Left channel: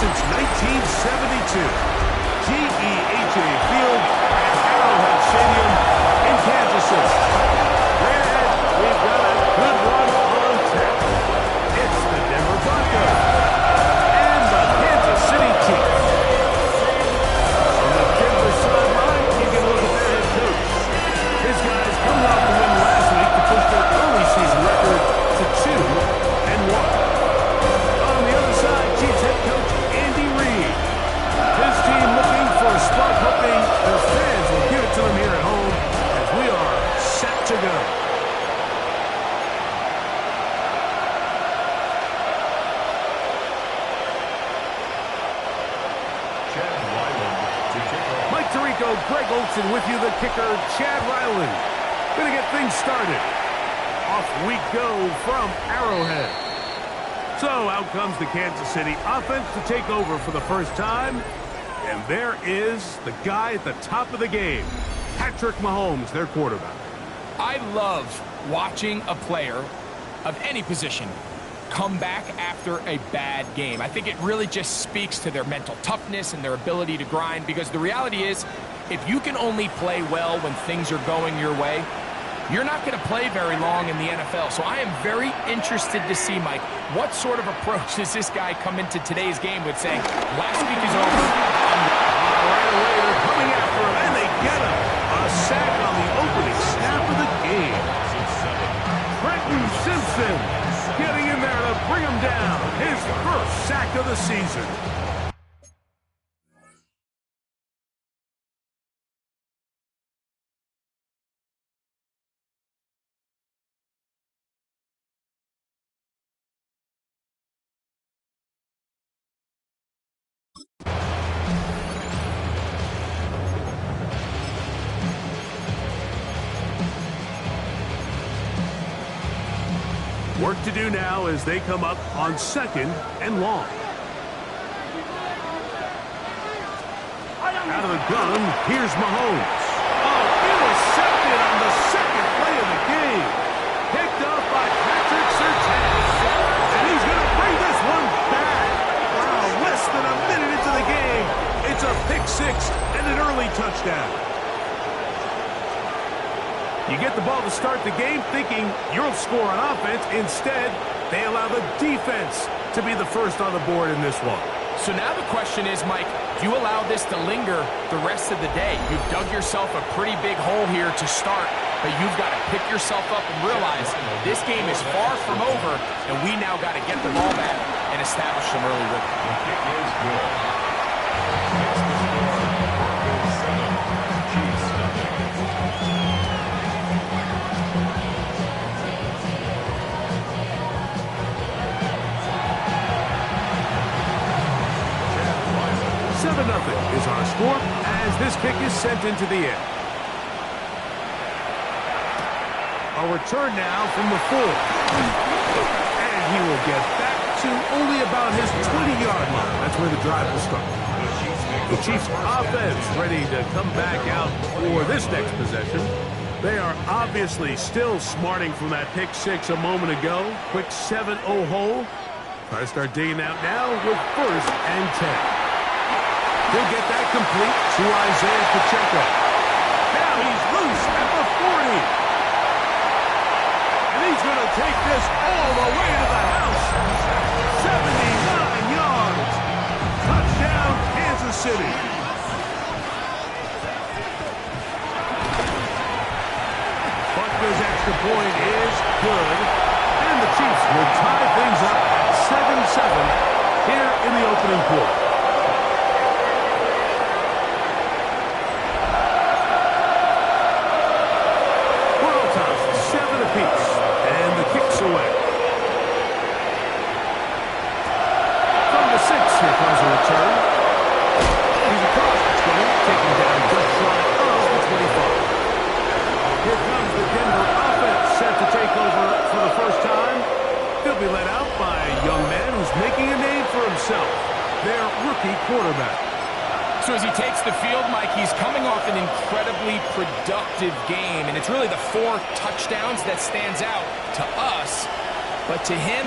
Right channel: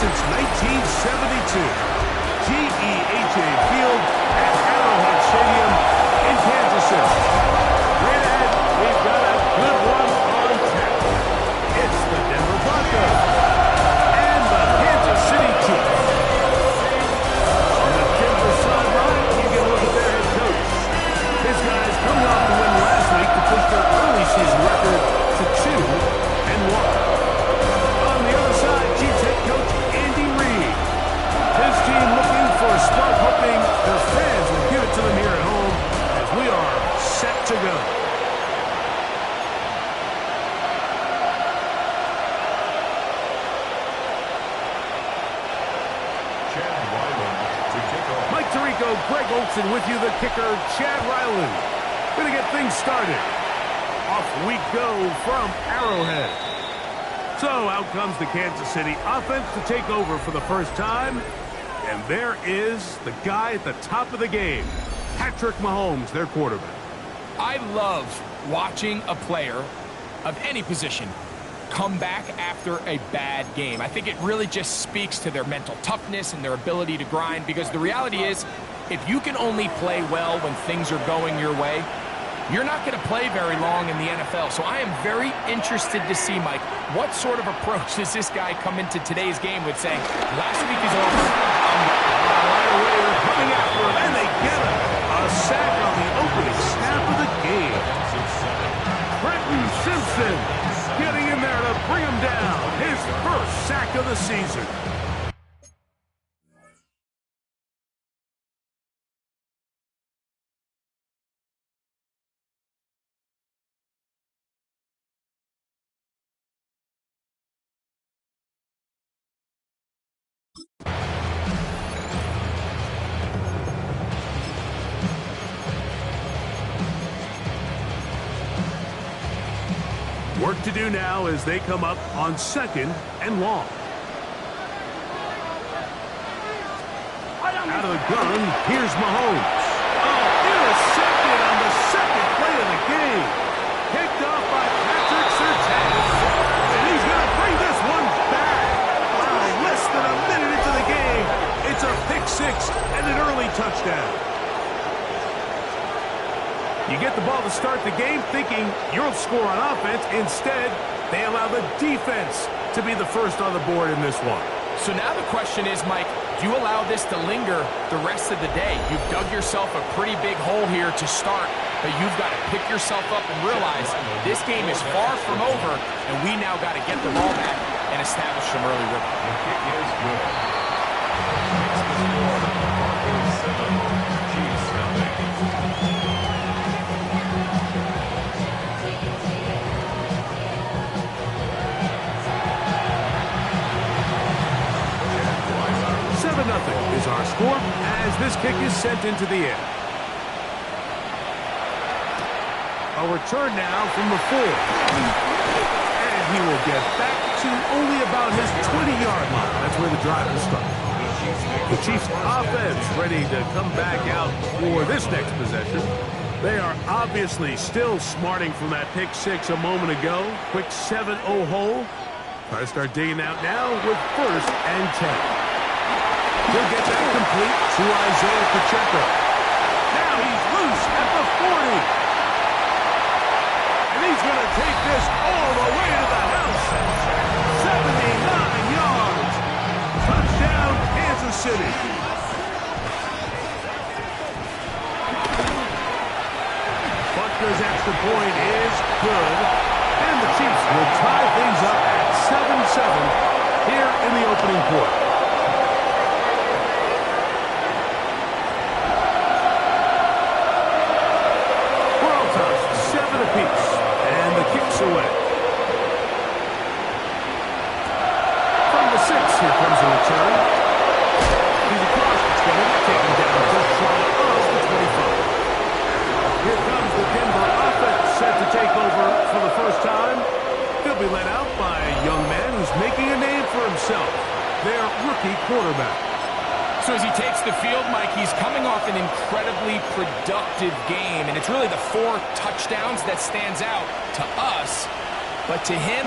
since 1972. GEHA Field at Arrowhead Stadium in Kansas City. Right ahead, we've got a good one on tap. It's the Denver Broncos and the Kansas City Chiefs. On the Denver sideline, you can look at their head coach. His guys coming off the win last week to push their early season record to 2-1. On the other side, Chiefs head coach Andy Reid. His team looking for a spark, hoping their fans will give it to them here at home as we are set to go. Mike Tirico, Greg Olsen with you, the kicker, Chad Ryland. Going to get things started. Off we go from Arrowhead. So out comes the Kansas City offense to take over for the first time. And there is the guy at the top of the game, Patrick Mahomes, their quarterback. I love watching a player of any position come back after a bad game. I think it really just speaks to their mental toughness and their ability to grind, because the reality is, if you can only play well when things are going your way, you're not going to play very long in the NFL. So I am very interested to see, Mike, what sort of approach does this guy come into today's game with, saying, last week is over. Right away, they're coming after him, and they get him. A sack on the opening snap of the game. Trenton Simpson getting in there to bring him down. His first sack of the season. Work to do now as they come up on 2nd and long. Out of the gun, here's Mahomes. Oh, intercepted on the second play of the game. Picked off by Patrick Surtain. And he's going to bring this one back. Wow, less than a minute into the game. It's a pick six and an early touchdown. You get the ball to start the game thinking you'll score on offense. Instead, they allow the defense to be the first on the board in this one. So now the question is, Mike, do you allow this to linger the rest of the day? You've dug yourself a pretty big hole here to start, but you've got to pick yourself up and realize this game is far from over, and we now got to get the ball back and establish some early rhythm. The kick is good. Makes the score Broncos 7, Chiefs nothing. Nothing is our score as this kick is sent into the air. A return now from the 4. And he will get back to only about his 20-yard line. That's where the drive will start. The Chiefs offense ready to come back out for this next possession. They are obviously still smarting from that pick six a moment ago. Quick 7-0 hole. Try to start digging out now with 1st and 10. He'll get that complete to Isaiah Pacheco. Now he's loose at the 40. And he's going to take this all the way to the house. 79 yards. Touchdown, Kansas City. Butker's extra point is good. And the Chiefs will tie things up at 7-7 here in the opening quarter. Apiece, and the kick's away. From the 6, here comes a return. He's across the 20, taken down just shy of the 25. Here comes the Denver offense, set to take over for the first time. They'll be led out by a young man who's making a name for himself, their rookie quarterback. So as he takes the field, Mike, he's coming off an incredibly productive game, and it's really the 4 touchdowns that stands out to us. But to him,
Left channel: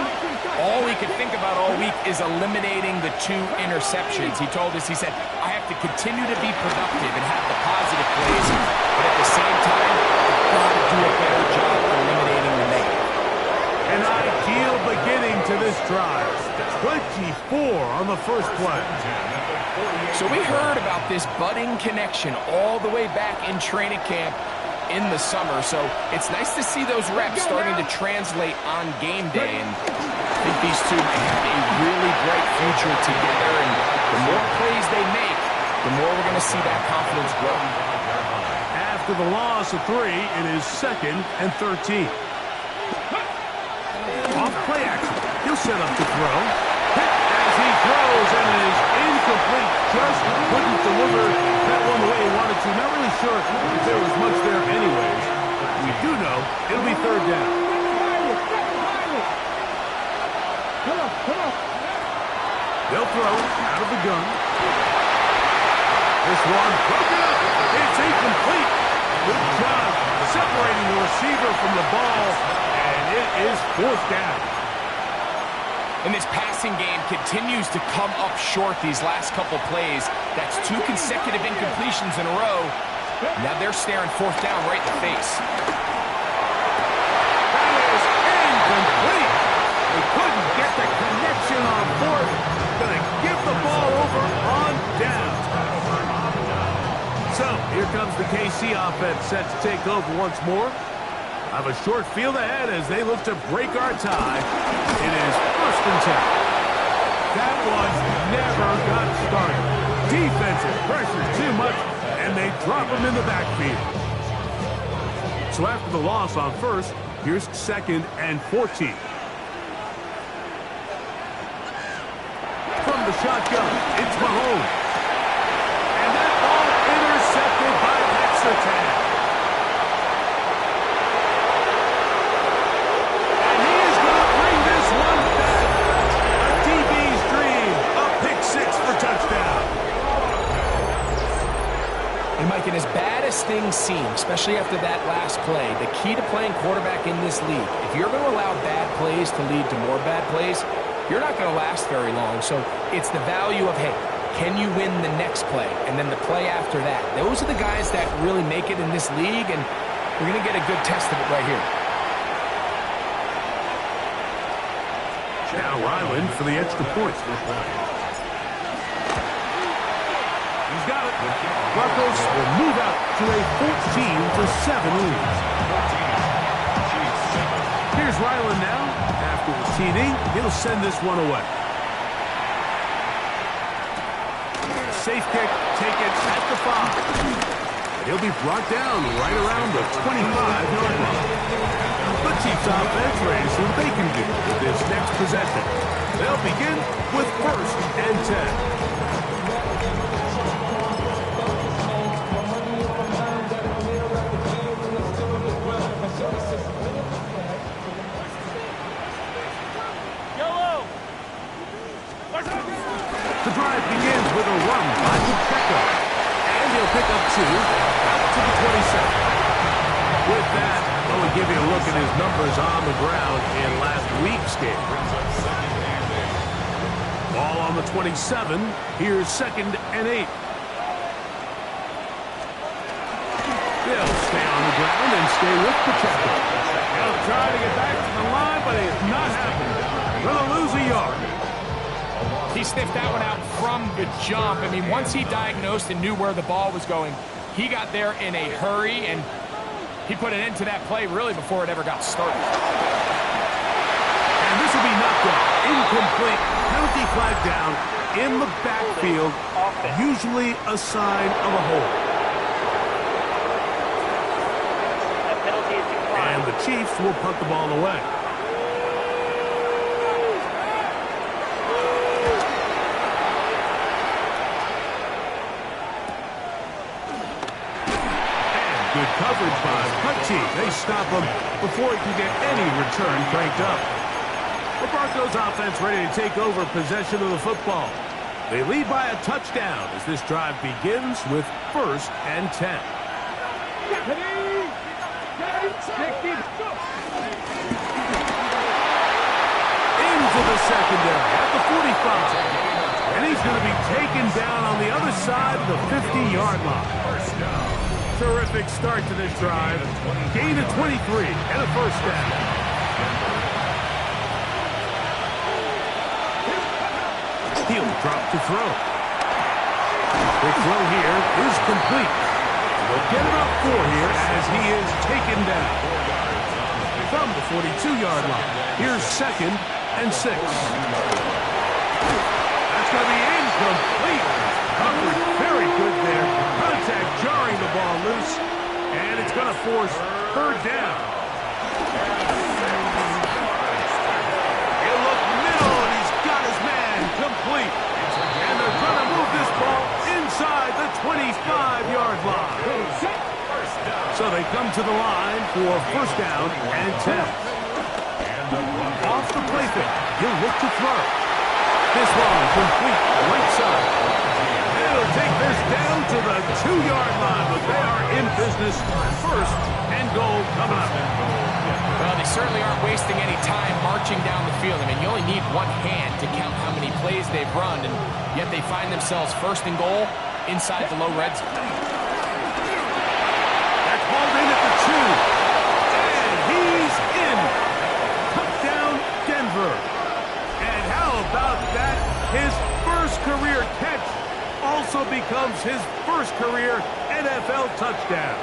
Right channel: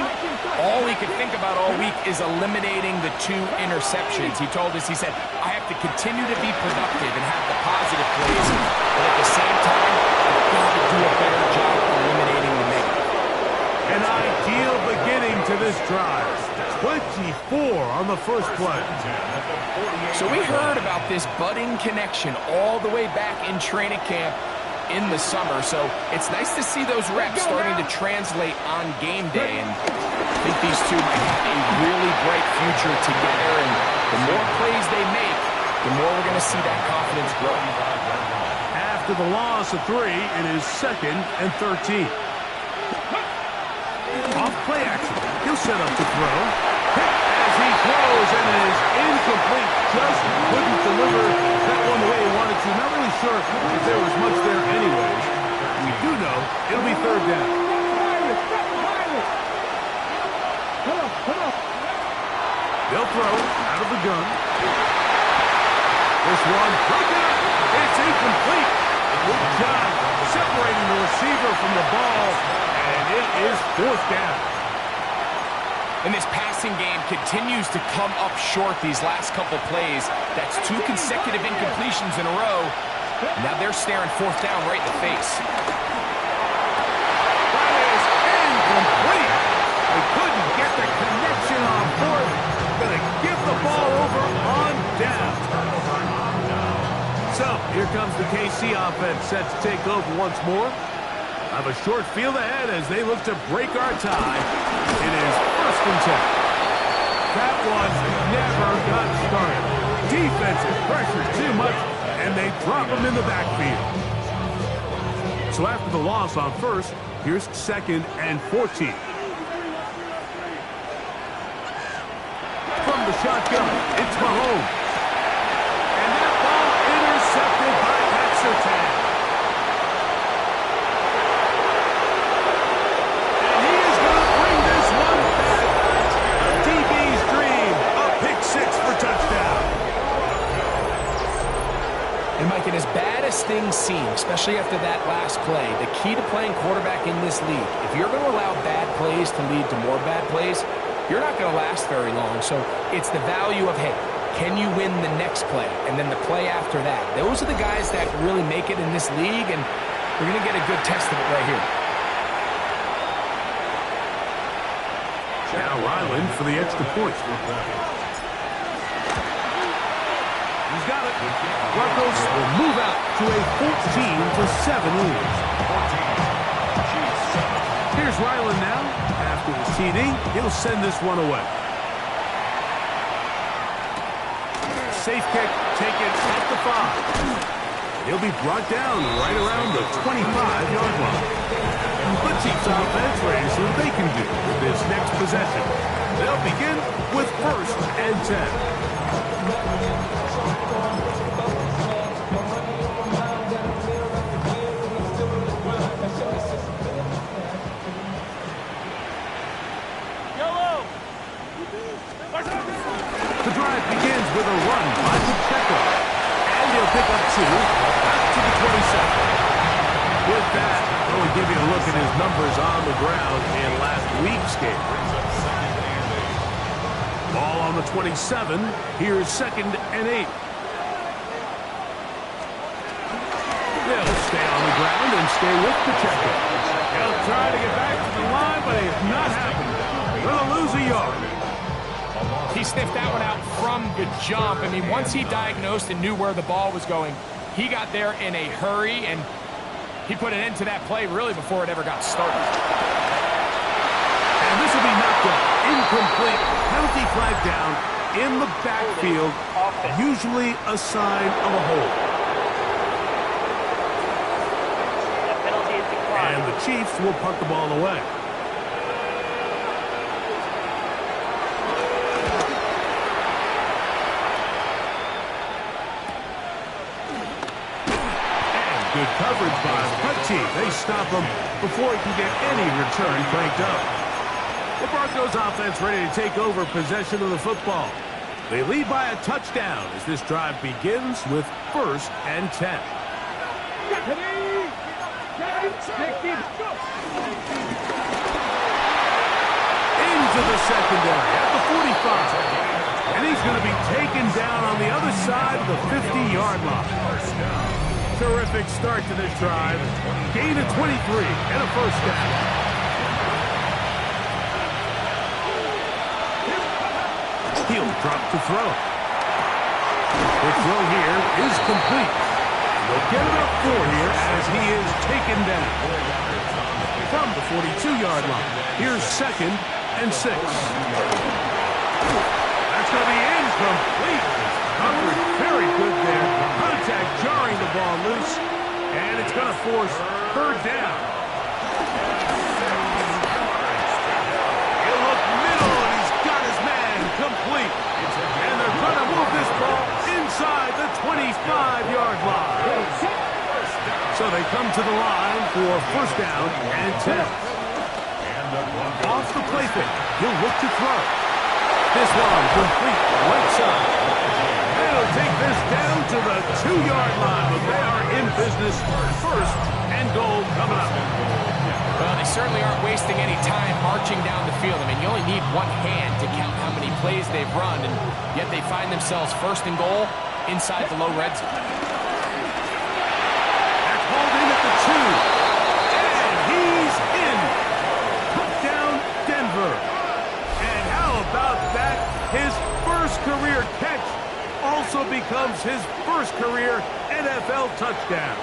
all he could think about all week is eliminating the 2 interceptions. He told us, he said, I have to continue to be productive and have the positive plays, but at the same time, I've got to do a better job eliminating the negative. An ideal beginning to this drive. 24 on the first play. So we heard about this budding connection all the way back in training camp in the summer. So it's nice to see those reps starting to translate on game day. And I think these two might have a really bright future together. And the more plays they make, the more we're going to see that confidence grow. After the loss of 3, it is 2nd and 13. Off play action. He'll set up to throw. Hit as he throws, and it is incomplete. Just couldn't deliver that one the way he wanted to. Not really sure if there was much there anyways. We do know it'll be 3rd down. They'll throw out of the gun. This one broken up. It's incomplete. Good job separating the receiver from the ball, and it is 4th down. And this passing game continues to come up short these last couple plays. That's 2 consecutive incompletions in a row. Now they're staring 4th down right in the face. That is incomplete. They couldn't get the connection on 4th. Going to give the ball over on down. So here comes the KC offense set to take over once more. I have a short field ahead as they look to break our tie. It is 1st and 10. That one never got started. Defensive pressure too much, and they drop him in the backfield. So after the loss on 1st, here's 2nd and 14. From the shotgun, it's Mahomes. And that ball intercepted by Pat Surtain. And Mike, and as bad as things seem, especially after that last play, the key to playing quarterback in this league, if you're going to allow bad plays to lead to more bad plays, you're not going to last very long. So it's the value of, hey, can you win the next play? And then the play after that. Those are the guys that really make it in this league, and we're going to get a good test of it right here. Now Ryland for the extra point. He's got it. Broncos will move out to a 14-7 lead. Here's Ryland now. After the TD, he'll send this one away. Safe kick taken at the 5. He'll be brought down right around the 25-yard line. The Chiefs offense ready to see what they can do with this next possession. They'll begin with 1st and 10. The drive begins with a run by Pacheco. And he'll pick up 2 out to the 27. With that, we'll give you a look at his numbers on the ground in last week's game. Ball on the 27. Here's 2nd and 8. They'll stay on the ground and stay with Pacheco. He'll try to get back to the line, but it's not happening. They'll lose a yard. He sniffed that one out from the jump. I mean, once he diagnosed and knew where the ball was going, he got there in a hurry, and he put an end to that play really before it ever got started. And this will be knocked out. Incomplete. Penalty flag down in the backfield. Usually a sign of a hold. And the Chiefs will punt the ball away. Good coverage by the punt team. They stop him before he can get any return cranked up. The Broncos offense ready to take over possession of the football. They lead by a touchdown as this drive begins with 1st and 10. into the secondary at the 45. And he's going to be taken down on the other side of the 50-yard line. Terrific start to this drive. Gain of 23 and a first down. He'll drop to throw. The throw here is complete. They'll get about 4 here as he is taken down. From the 42-yard line, here's 2nd and 6. That's going to be incomplete. Coverage very good there. Contact jarring the ball loose, and it's going to force 3rd down. He'll look middle, and he's got his man complete. And they're going to move this ball inside the 25-yard line. So they come to the line for 1st down and 10. Off the play fake, he'll look to throw. This one complete, right side. They'll take this down to the 2-yard line, but they are in business. 1st and goal coming up. Well, they certainly aren't wasting any time marching down the field. I mean, you only need one hand to count how many plays they've run, and yet they find themselves 1st and goal inside the low red zone. That's hauled in at the 2, and he's in. Touchdown, Denver. And how about that? His 1st career catch also becomes his 1st career NFL touchdown.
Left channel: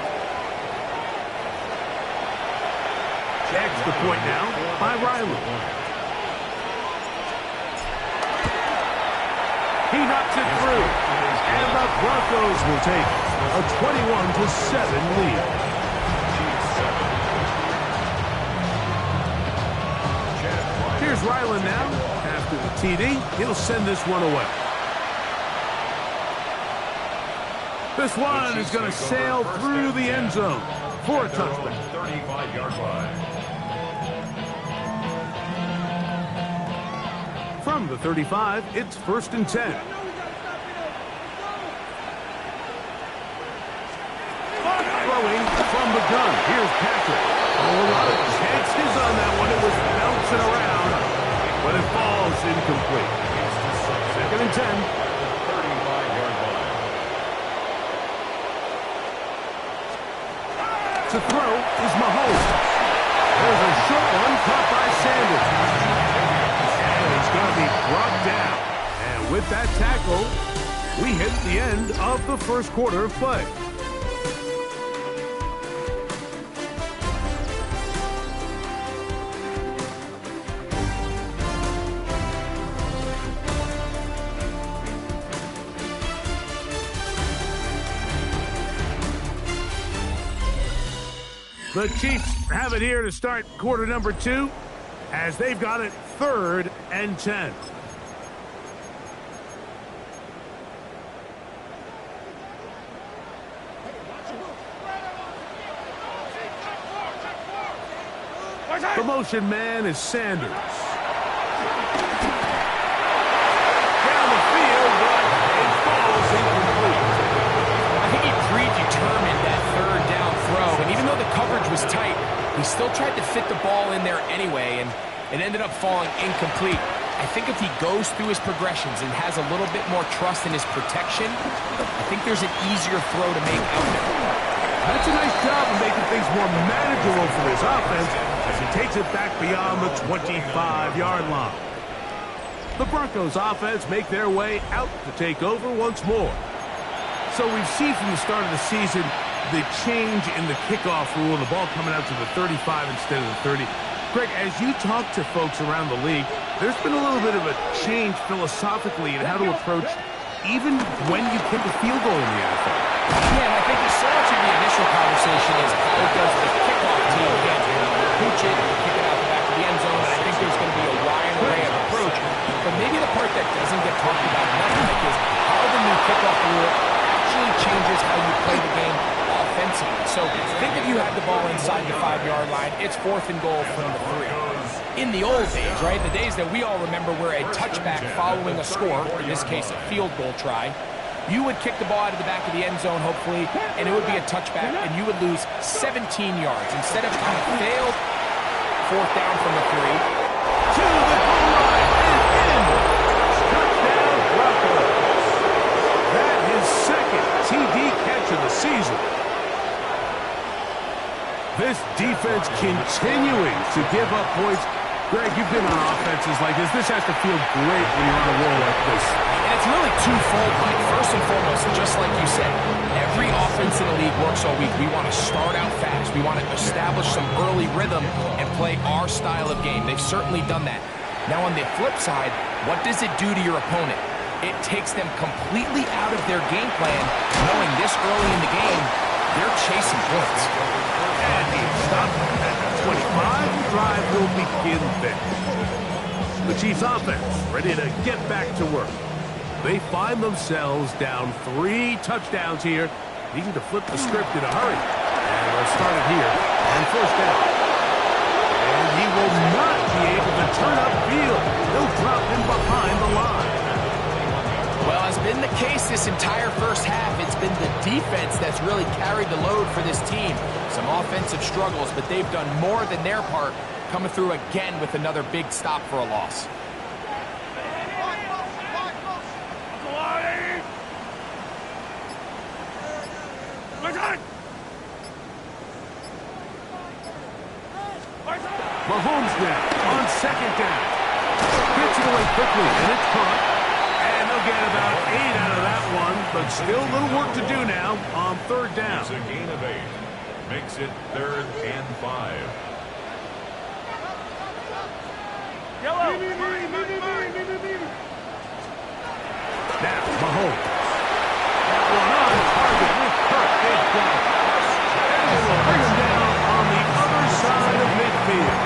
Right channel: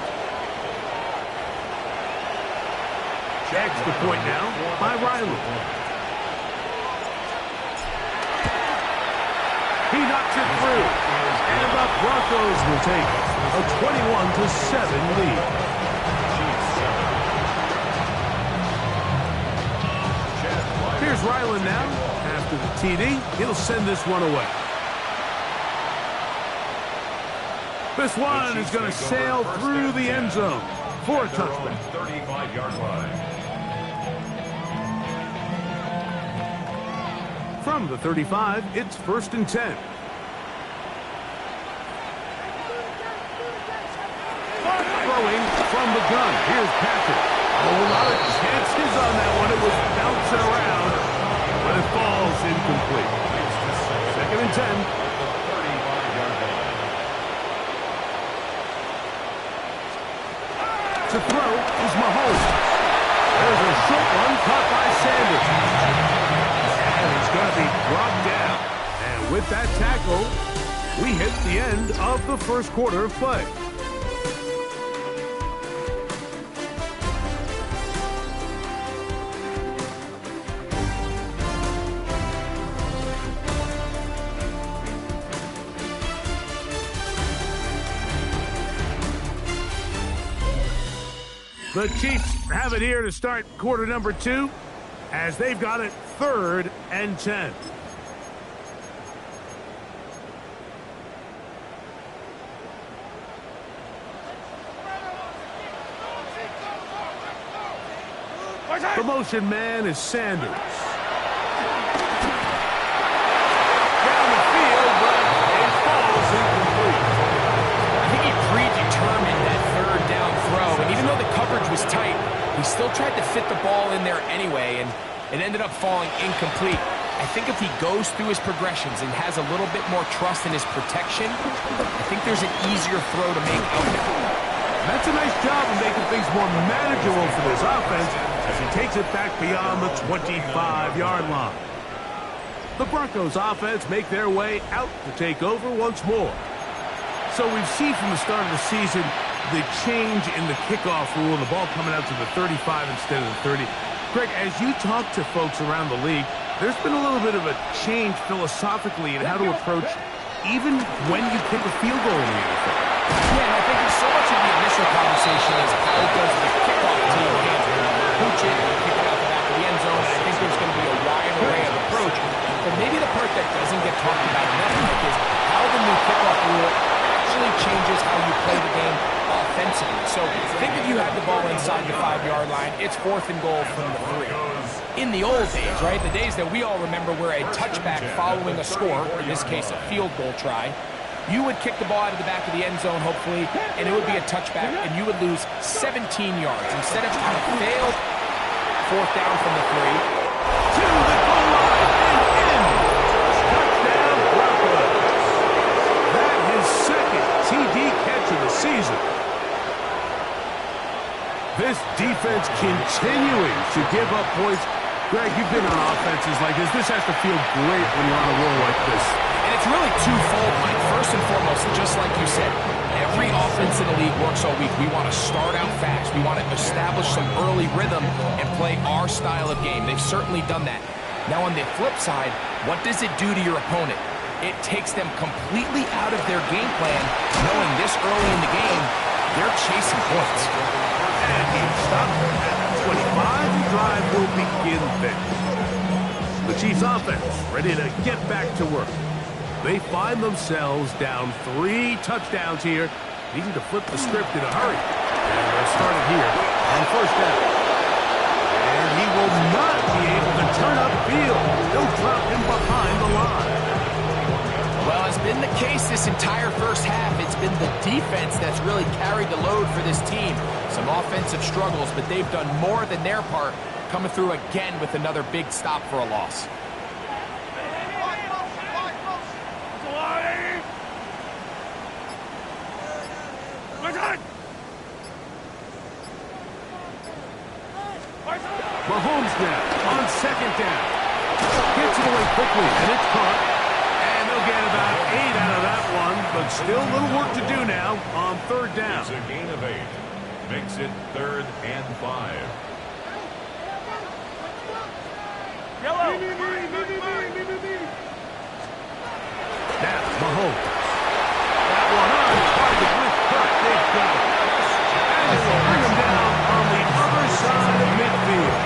Extra point now by Riley. He knocks it through. And the Broncos will take a 21-7 lead. Here's Ryland now. After the TD, he'll send this one away. This one is going to sail through the end zone for a touchdown. 35-yard line. From the 35, it's 1st and 10. Throwing from the gun. Here's Patrick. Oh, a lot of chances on that one. It was bouncing around, but it falls incomplete. 2nd and 10. At the 35-yard line. To throw is Mahomes. There's a short one caught by Sanders. And he's going to be brought down. And with that tackle, we hit the end of the 1st quarter of play. The Chiefs have it here to start quarter number 2 as they've got it 3rd and 10. The motion man is Sanders. Down the field, but it falls incomplete. I think he predetermined that 3rd down throw, and even though the coverage was tight, he still tried to fit the ball in there anyway, and it ended up falling incomplete. I think if he goes through his progressions and has a little bit more trust in his protection, I think there's an easier throw to make out there. That's a nice job of making things more manageable for this offense as he takes it back beyond the 25-yard line. The Broncos offense make their way out to take over once more. So we've seen from the start of the season the change in the kickoff rule, the ball coming out to the 35 instead of the 30. Greg, as you talk to folks around the league, there's been a little bit of a change philosophically in how to approach even when you kick a field goal in the NFL. Yeah, and I think so much of the initial conversation is how does the kickoff team handle it? Pooch it and kick it out the back of the end zone, and I think there's going to be a wide array of approach. But maybe the part that doesn't get talked about enough, Mike, is how the new kickoff rule actually changes how you play the game offensively. So think if you have the ball inside the 5-yard line, it's 4th and goal from the 3. In the old days, right, the days that we all remember where a touchback following a score, in this case a field goal try, you would kick the ball out of the back of the end zone, hopefully, and it would be a touchback, and you would lose 17 yards. Instead of on a failed 4th down from the 3. To the goal line. TD catch of the season. This defense continuing to give up points. Greg, you've been on offenses like this. This has to feel great when you're on a roll like this. And it's really twofold, Mike. First and foremost, just like you said, every offense in the league works all week. We want to start out fast. We want to establish some early rhythm and play our style of game. They've certainly done that. Now, on the flip side, what does it do to your opponent? It takes them completely out of their game plan, knowing this early in the game, they're chasing points. And he stopped at the 25. The drive will begin there. The Chiefs offense ready to get back to work. They find themselves down 3 touchdowns here, needing to flip the script in a hurry. And they'll start it here on first down. And he will not be able to turn upfield. They'll drop him behind the line. Well, as been the case this entire first half, it's been the defense that's really carried the load for this team. Some offensive struggles, but they've done more than their part, coming through again with another big stop for a loss. Mahomes now on second down. Gets it away quickly, and it's caught. And they'll get about 8 out of that one, but still a little work to do now on third down. It's a gain of 8. Makes it 3rd and 5. Yellow. Now, Mahomes. That one on target with Kirk. They've got it. And they will bring him down on the other side of midfield.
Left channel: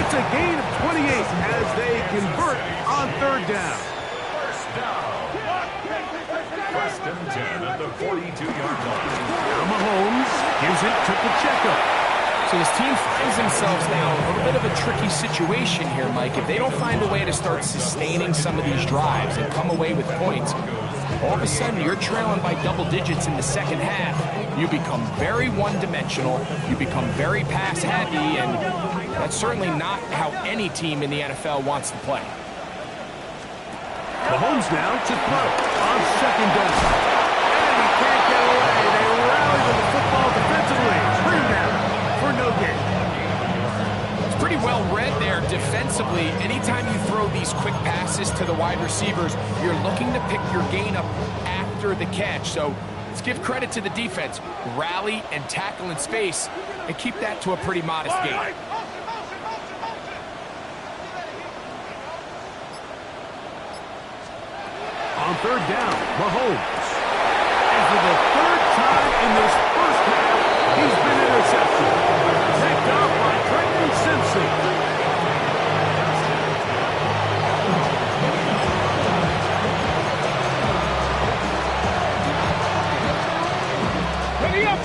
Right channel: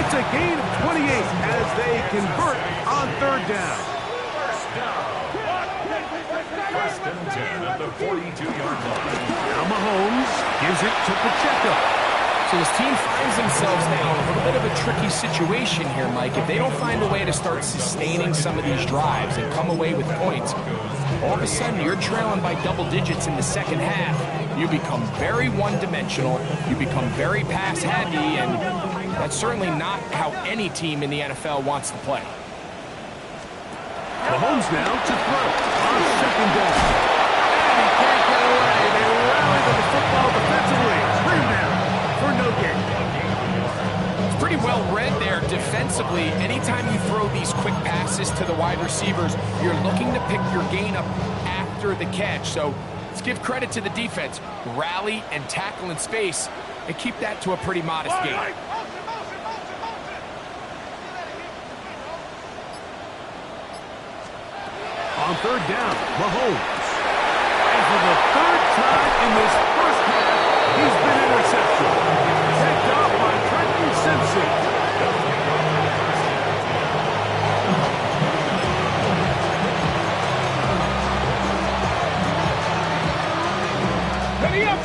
It's a gain of 28 as they convert on third down. First down. First and 10 at the 42-yard line. Now Mahomes gives it to Pacheco. So this team finds themselves now in a little bit of a tricky situation here, Mike. If they don't find a way to start sustaining some of these drives and come away with points, all of a sudden you're trailing by double digits in the second half. You become very one-dimensional. You become very pass-heavy, and that's certainly not how any team in the NFL wants to play. Mahomes now to throw on second down. And he can't get away. They rally to the football defensively. Bring him down for no gain. It's pretty well read there defensively. Anytime you throw these quick passes to the wide receivers, you're looking to pick your gain up after the catch. So let's give credit to the defense. Rally and tackle in space and keep that to a pretty modest gain. On third down, Mahomes. And for the third time in this first half, he's been intercepted. Picked off by Trenton Simpson. Ready up.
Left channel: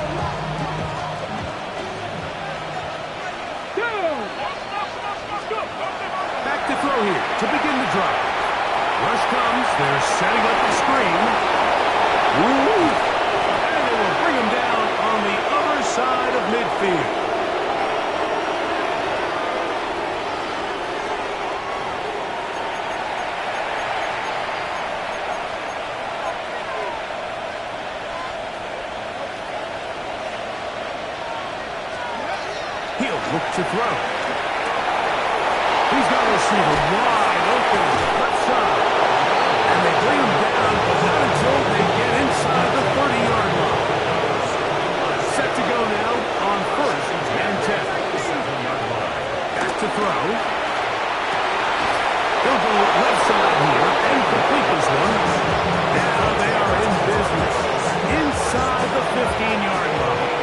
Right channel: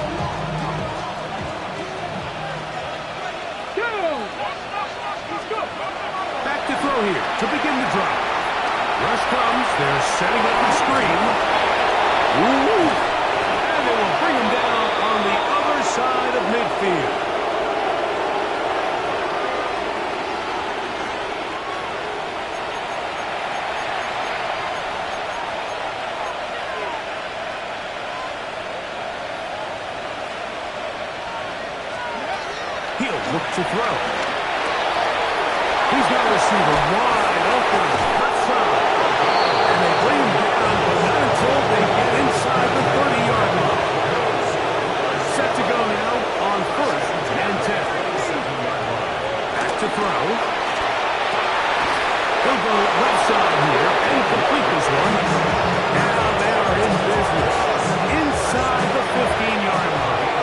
Back to throw here to begin the drive. Rush comes. They're setting up the screen. Ooh. And they will bring him down on the other side of midfield. He'll look to throw. He's got a receiver wide open, left side. And they bring him down, but not until they get inside the 30-yard line. Set to go now on first and 10. Back to throw. He'll go left side here and complete this one. Now they are in business inside the 15-yard line.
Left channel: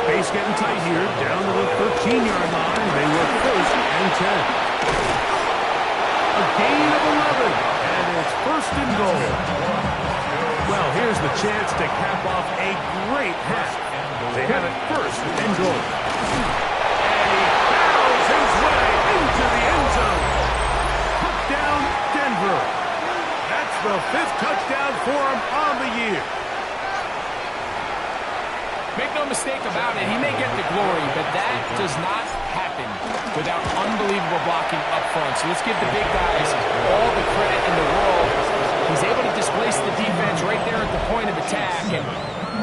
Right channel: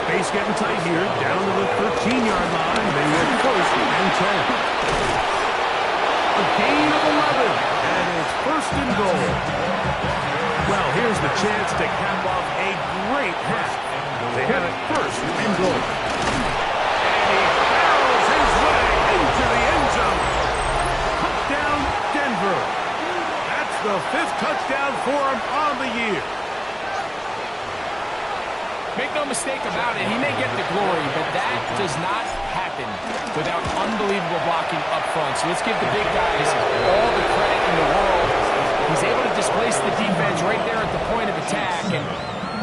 Space getting tight here, down to the 13-yard line. They work first and 10. A gain of 11, and it's first and goal. Well, here's the chance to cap off a great half. They have it first and goal. And he barrels his way into the end zone. Touchdown, Denver. That's the 5th touchdown for him on the year. Make no mistake about it, he may get the glory, but that does not happen without unbelievable blocking up front. So let's give the big guys all the credit in the world. He's able to displace the defense right there at the point of attack, and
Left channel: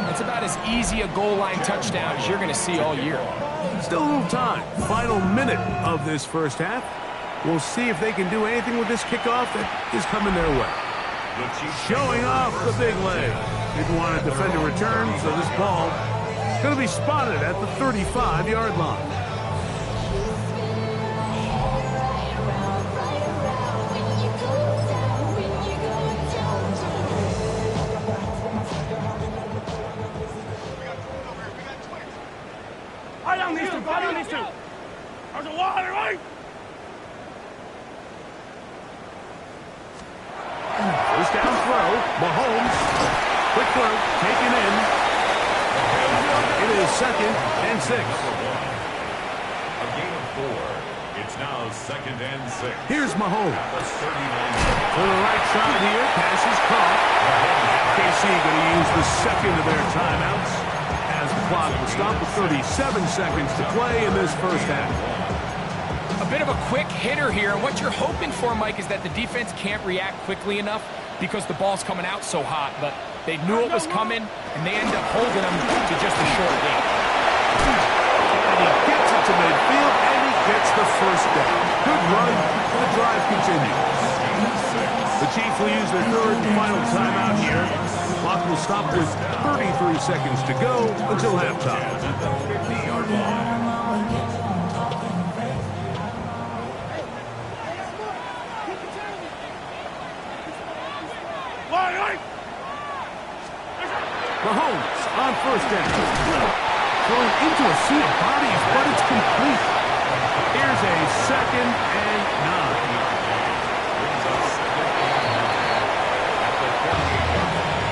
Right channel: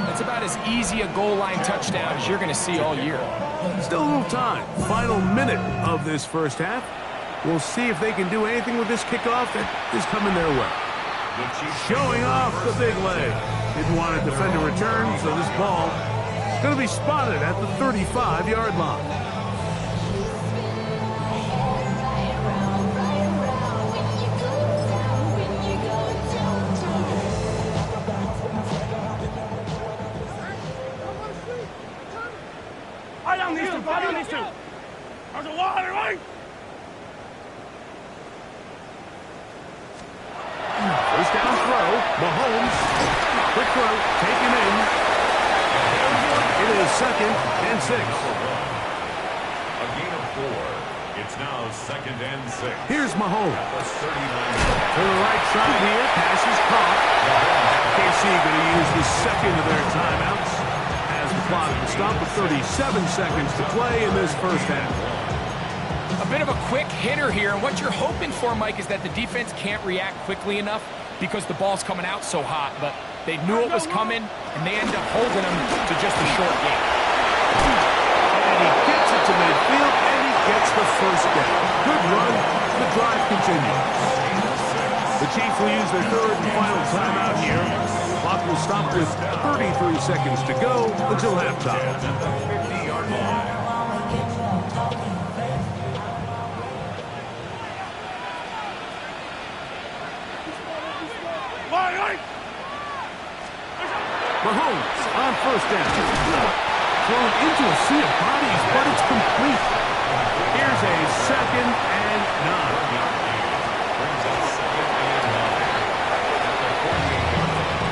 that's about as easy a goal line touchdown as you're going to see all year. Still a little time. Final minute of this first half. We'll see if they can do anything with this kickoff that is coming their way. Showing off the big leg. Didn't want to defend a return, so this ball is going to be spotted at the 35-yard line. There's a wall, right? First down throw. Mahomes. Quick throw. Taken in. It is 2nd and 6. A gain of 4. It's now 2nd and 6. Here's Mahomes. The 39. To the right side here. Pass is caught. KC going to use the second of their timeouts as the clock will stop with 37 seconds to play in this first half. A bit of a quick hitter here, and what you're hoping for, Mike, is that the defense can't react quickly enough because the ball's coming out so hot, but they knew it was coming, and they end up holding them to just a short game. And he gets it to midfield, and he gets the first down. Good run. The drive continues. The Chiefs will use their third and final timeout here. Clock will stop with 33 seconds to go until halftime. At the 50-yard line. Mahomes on first down. Thrown into a sea of bodies, but it's complete. Here's a 2nd and 9. Brings up 2nd and 9 at the 48-yard line.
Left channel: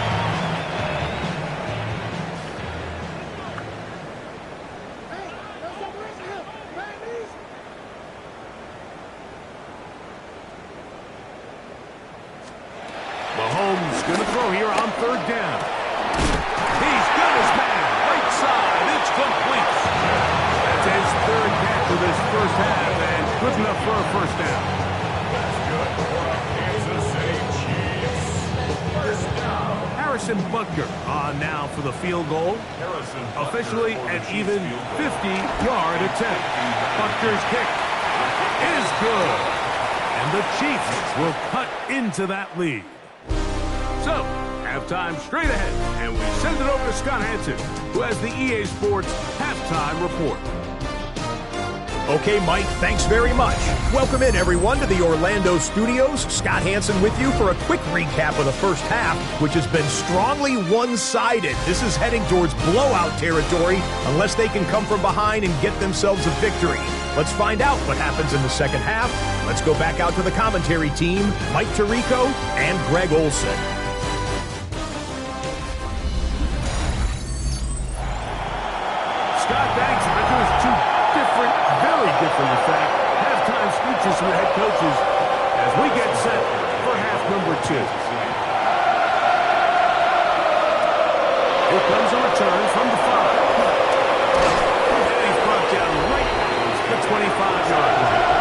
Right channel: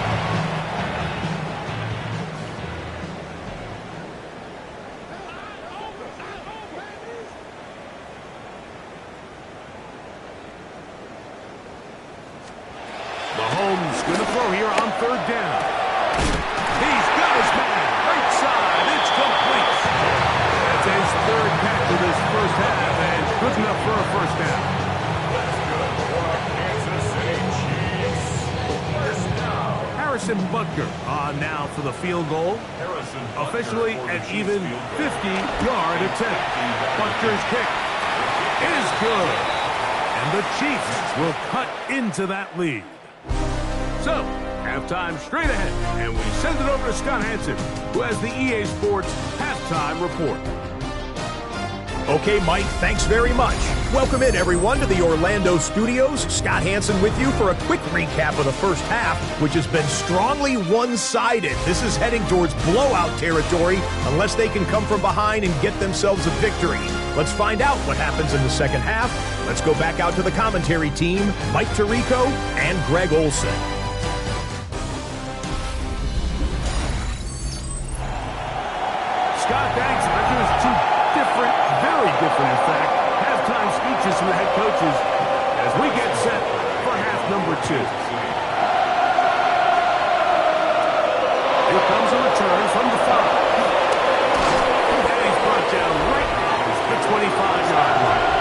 Mahomes going to throw here on third down. He's got his man. Right side. It's complete. That's his third catch of this first half, and good enough for a first down. That's good for our Kansas City Chiefs. First down. Harrison Butker on now for the field goal. Harrison Butker Officially for the an Chiefs even field goal. 50-yard attempt. Butker's kick is good. And the Chiefs will cut into that lead. So, halftime straight ahead, and we send it over to Scott Hansen, who has the EA Sports Halftime Report. Okay, Mike, thanks very much. Welcome in, everyone, to the Orlando studios. Scott Hansen with you for a quick recap of the first half, which has been strongly one-sided. This is heading towards blowout territory unless they can come from behind and get themselves a victory. Let's find out what happens in the second half. Let's go back out to the commentary team, Mike Tirico and Greg Olson. Scott, thanks. I bet there's two different, very different, in fact, halftime speeches from the head coaches as we get set for half number 2. Here comes a return from the 5. And he's brought down right at the 25-yard line.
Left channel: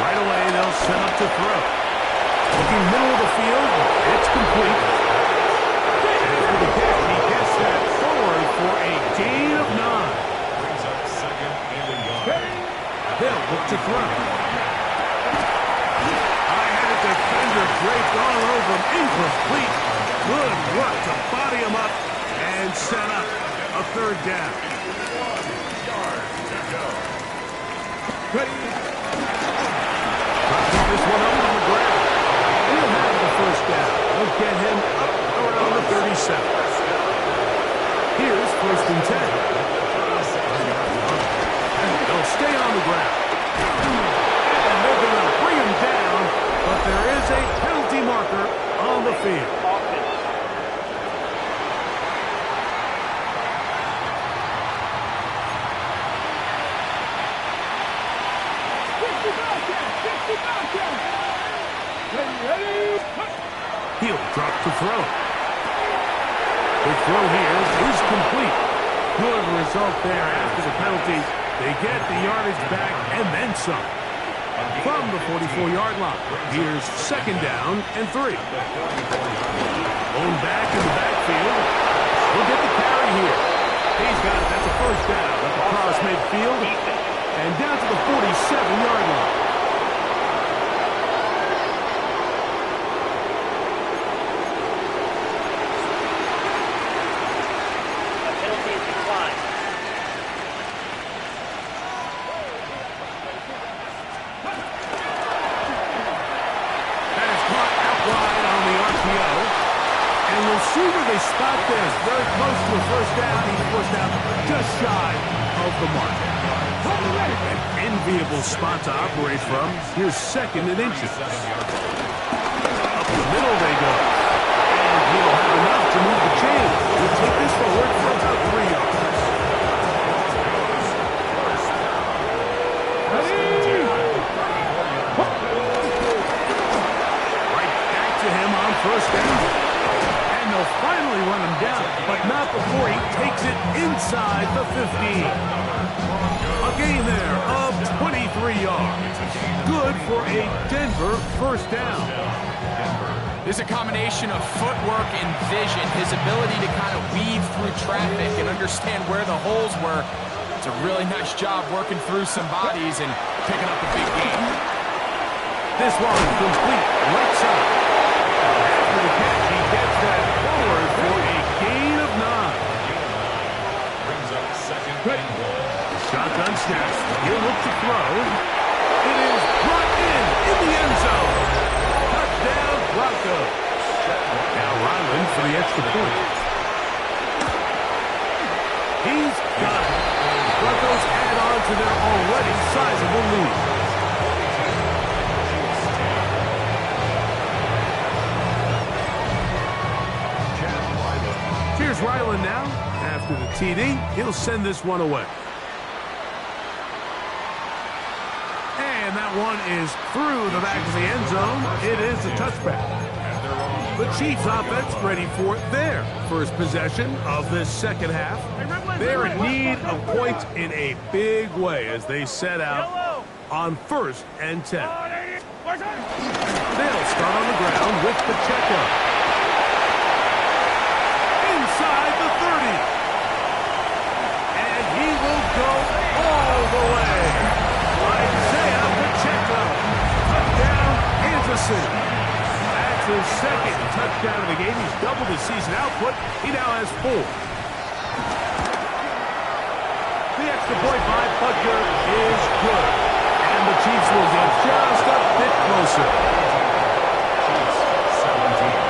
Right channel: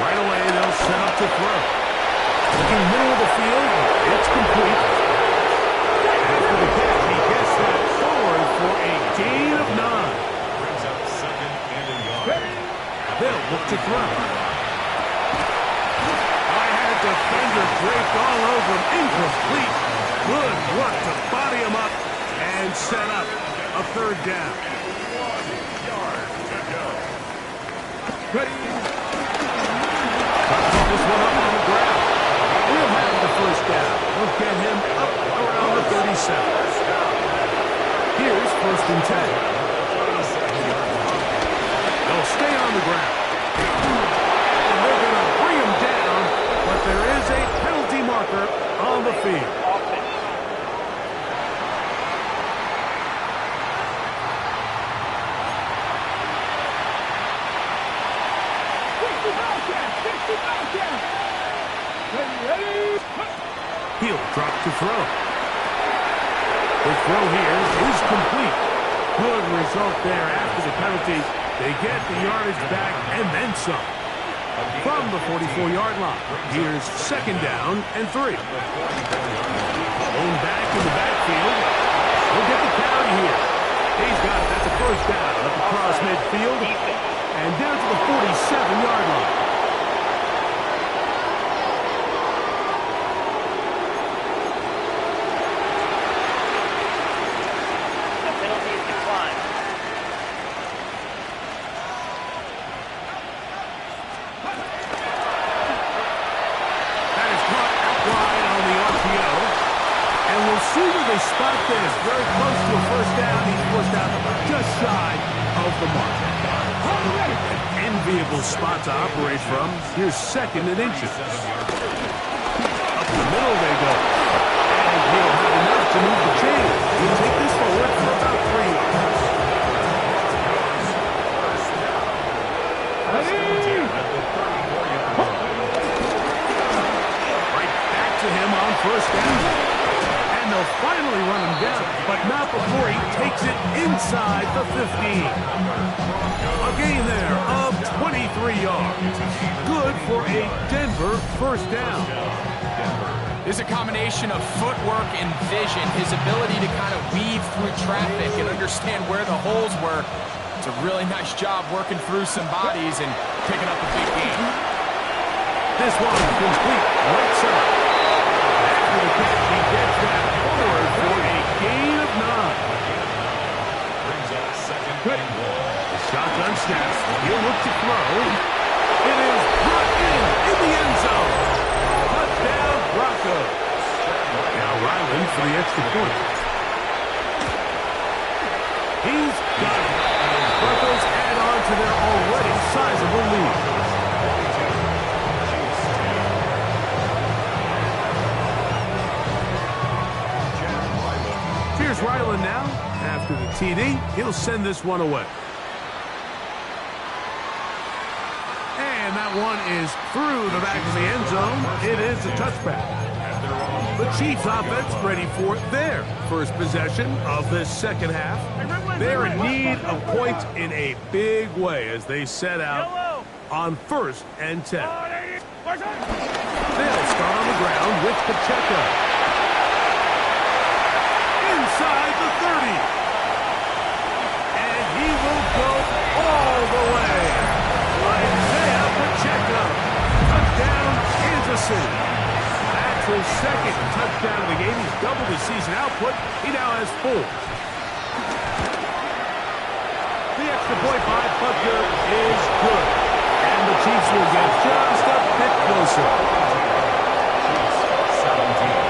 Right away, they'll set up to throw. Looking middle of the field, it's complete. After the catch, he gets that forward for a gain of 9. Brings up 2nd and a yard. They'll look to throw. I had a defender draped all over him. Incomplete. Good work to body him up and set up a third down. 1 yard to go. Pick this one up on the ground. And he'll have the first down. They'll get him up around the 37. Here's 1st and 10. They'll stay on the ground. And they're going to bring him down, but there is a penalty marker on the field. He'll drop to throw. The throw here is complete. Good result there after the penalty. They get the yardage back and then some. From the 44-yard line, here's second down and 3. Blown back in the backfield. He'll get the carry here. He's got it. That's a first down up across midfield and down to the 47-yard line. The penalty is declined. That is caught out wide on the RPO. And we'll see where they spot this. Very close to a first down. He's forced out just shy of the mark. An enviable spot to operate from. Here's second and inches. Up the middle they go. And he'll have enough to move the chains. He'll take this forward for about 3 yards. Right back to him on first down. And they'll finally run him down, but not before he takes it inside the 15. A gain there of 23 yards. Good for a Denver first down. There's a combination of footwork and vision, his ability to kind of weave through traffic and understand where the holes were. It's a really nice job working through some bodies and picking up a big gain. This one complete right side. After the catch, he gets that forward for a gain of 9. Brings up second and 1. Shotgun snap. He'll look to throw. It is brought in the end zone. Touchdown, Broncos. Now Ryland for the extra point. He's got it. Broncos add on to their already sizable lead. Here's Ryland now. After the TD, he'll send this one away. And that one is through the back of the end zone. It is a touchback. The Chiefs offense ready for their first possession of this second half. They're in need of points in a big way as they set out on 1st and 10. They'll start on the ground with Pacheco. Inside the 30. And he will go all the way. Isaiah Pacheco. Touchdown, Kansas City. That's his second touchdown of the game. He's doubled his season output. He now has 4. The extra point by Butker is good. And the Chiefs will get just a bit closer. Chiefs 17.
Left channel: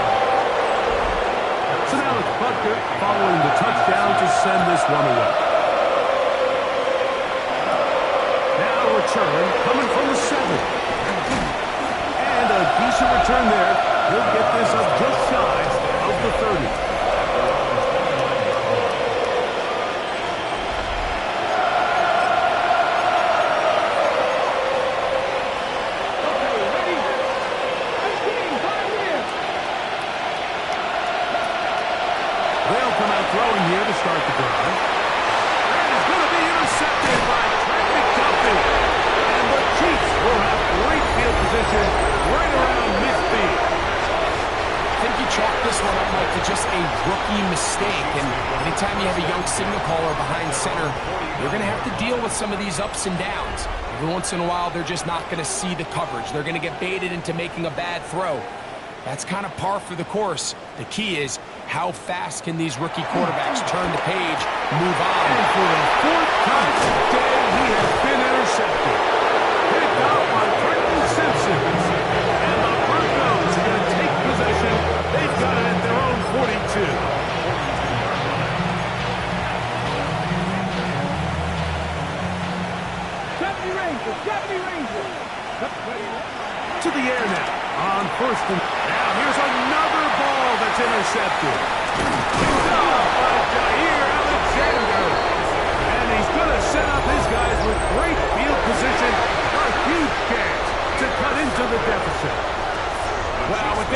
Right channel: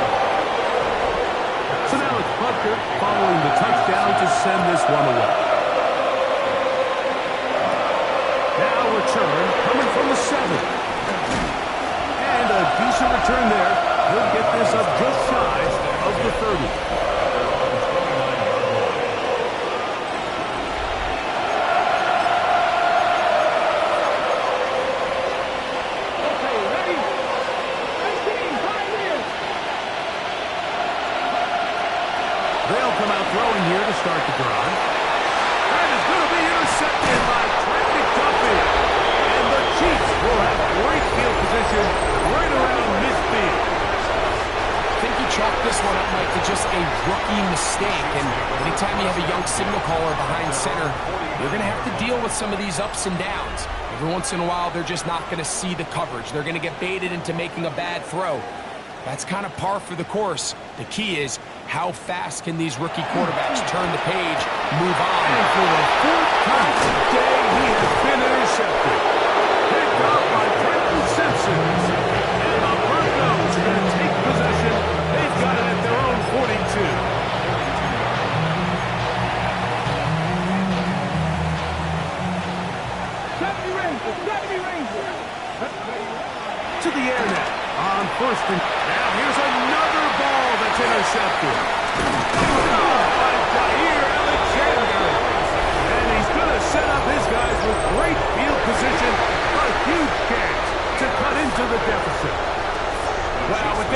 So now it's Butker following the touchdown to send this one away. Now return coming from the 7. And a decent return there. He'll get this up just shy of the 30. Okay, ready? 15, 5 minutes. They'll come out throwing here to start the drive. That is going to be intercepted by Trent McDuffie. And the Chiefs will have great field position right around midfield. I think you chalk this one up, Mike, to just a rookie mistake. And anytime you have a young signal caller behind center, you're going to have to deal with some of these ups and downs. Every once in a while, they're just not going to see the coverage. They're going to get baited into making a bad throw. That's kind of par for the course. The key is, how fast can these rookie quarterbacks turn the page, move on? And for the 4th time today, he has been intercepted. Picked off by Trenton Simpson. And the Broncos are going to take possession. They've got it at their own 42. To the air now on 1st and... Now here's another ball that's intercepted. Picked off by Jair Alexander. And he's going to set up his guys with great field position. A huge chance to